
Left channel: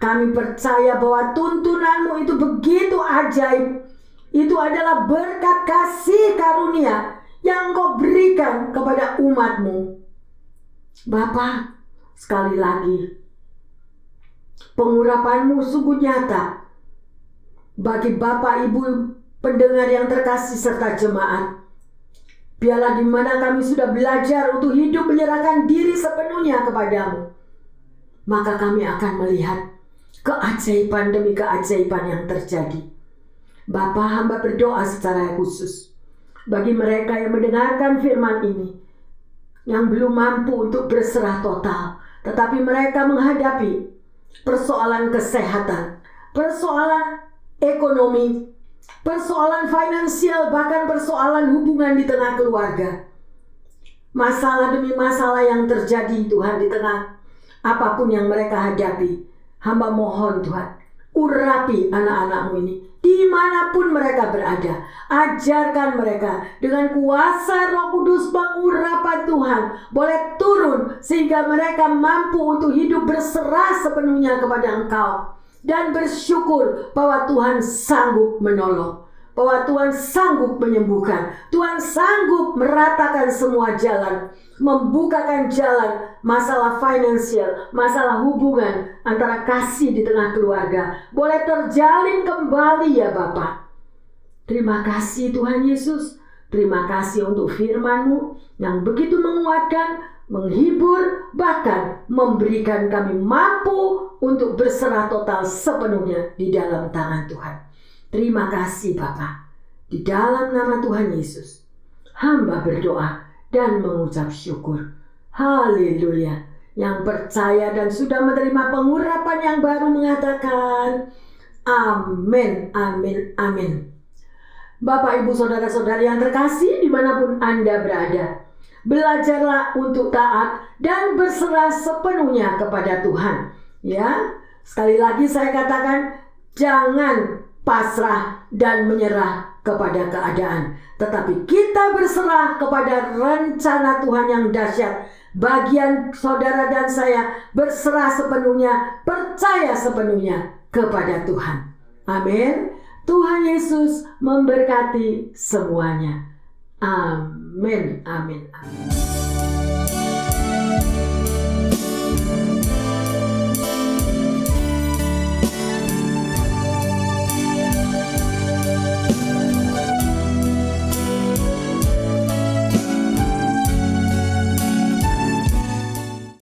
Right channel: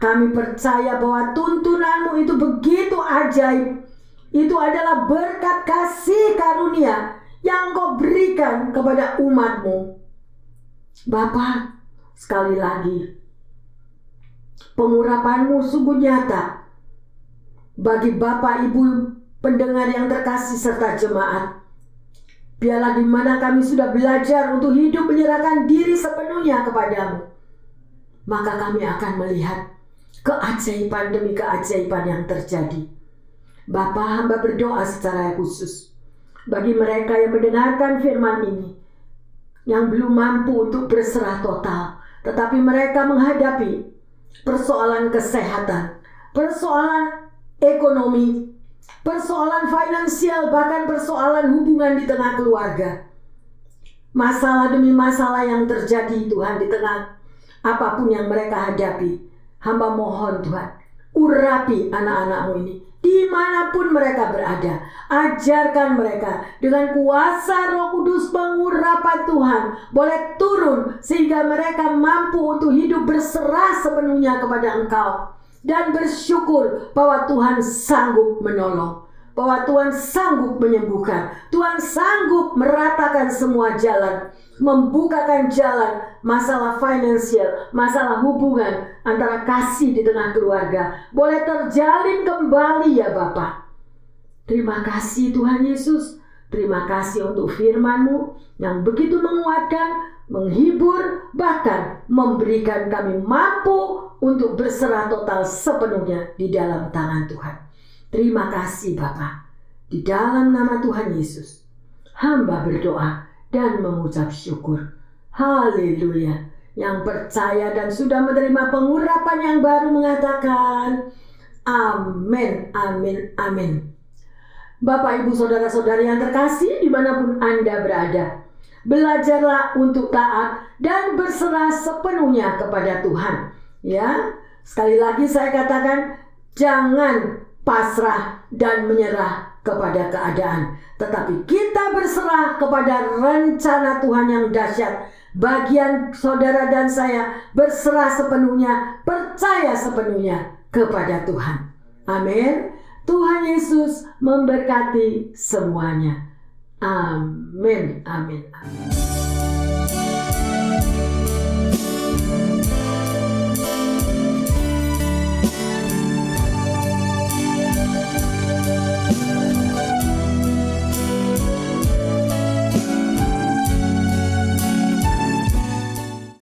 Kami percaya bahwa tuntunan-Mu itu begitu ajaib. Itu adalah berkat kasih karunia yang Engkau berikan kepada umat-Mu. Bapa, sekali lagi, pengurapan-Mu sungguh nyata bagi Bapak Ibu pendengar yang terkasih serta jemaat. Biarlah di mana kami sudah belajar untuk hidup menyerahkan diri sepenuhnya kepadamu, maka kami akan melihat keajaiban demi keajaiban yang terjadi. Bapa, hamba berdoa secara khusus bagi mereka yang mendengarkan firman ini, yang belum mampu untuk berserah total. tetapi mereka menghadapi persoalan kesehatan, persoalan ekonomi, persoalan finansial, bahkan persoalan hubungan di tengah keluarga. Masalah demi masalah yang terjadi Tuhan di tengah apapun yang mereka hadapi. Hamba mohon Tuhan, urapi anak-anak-Mu ini dimanapun mereka berada. Ajarkan mereka dengan kuasa Roh Kudus, pengurapan Tuhan boleh turun sehingga mereka mampu untuk hidup berserah sepenuhnya kepada Engkau dan bersyukur bahwa Tuhan sanggup menolong, bahwa Tuhan sanggup menyembuhkan, Tuhan sanggup meratakan semua jalan, membukakan jalan, masalah finansial, masalah hubungan antara kasih di tengah keluarga boleh terjalin kembali ya Bapa. Terima kasih Tuhan Yesus, terima kasih untuk firman-Mu yang begitu menguatkan, menghibur, bahkan memberikan kami mampu untuk berserah total sepenuhnya di dalam tangan Tuhan. Terima kasih Bapa. Di dalam nama Tuhan Yesus, hamba berdoa dan mengucap syukur. Haleluya. Yang percaya dan sudah menerima pengurapan yang baru mengatakan amin, amin, amin. Bapak, Ibu, Saudara-saudari yang terkasih dimanapun Anda berada, belajarlah untuk taat dan berserah sepenuhnya kepada Tuhan. Ya, sekali lagi saya katakan, jangan pasrah dan menyerah kepada keadaan, tetapi kita berserah kepada rencana Tuhan yang dahsyat. Bagian saudara dan saya berserah sepenuhnya, percaya sepenuhnya kepada Tuhan. Amin. Tuhan Yesus memberkati semuanya. Amin, amin, amin.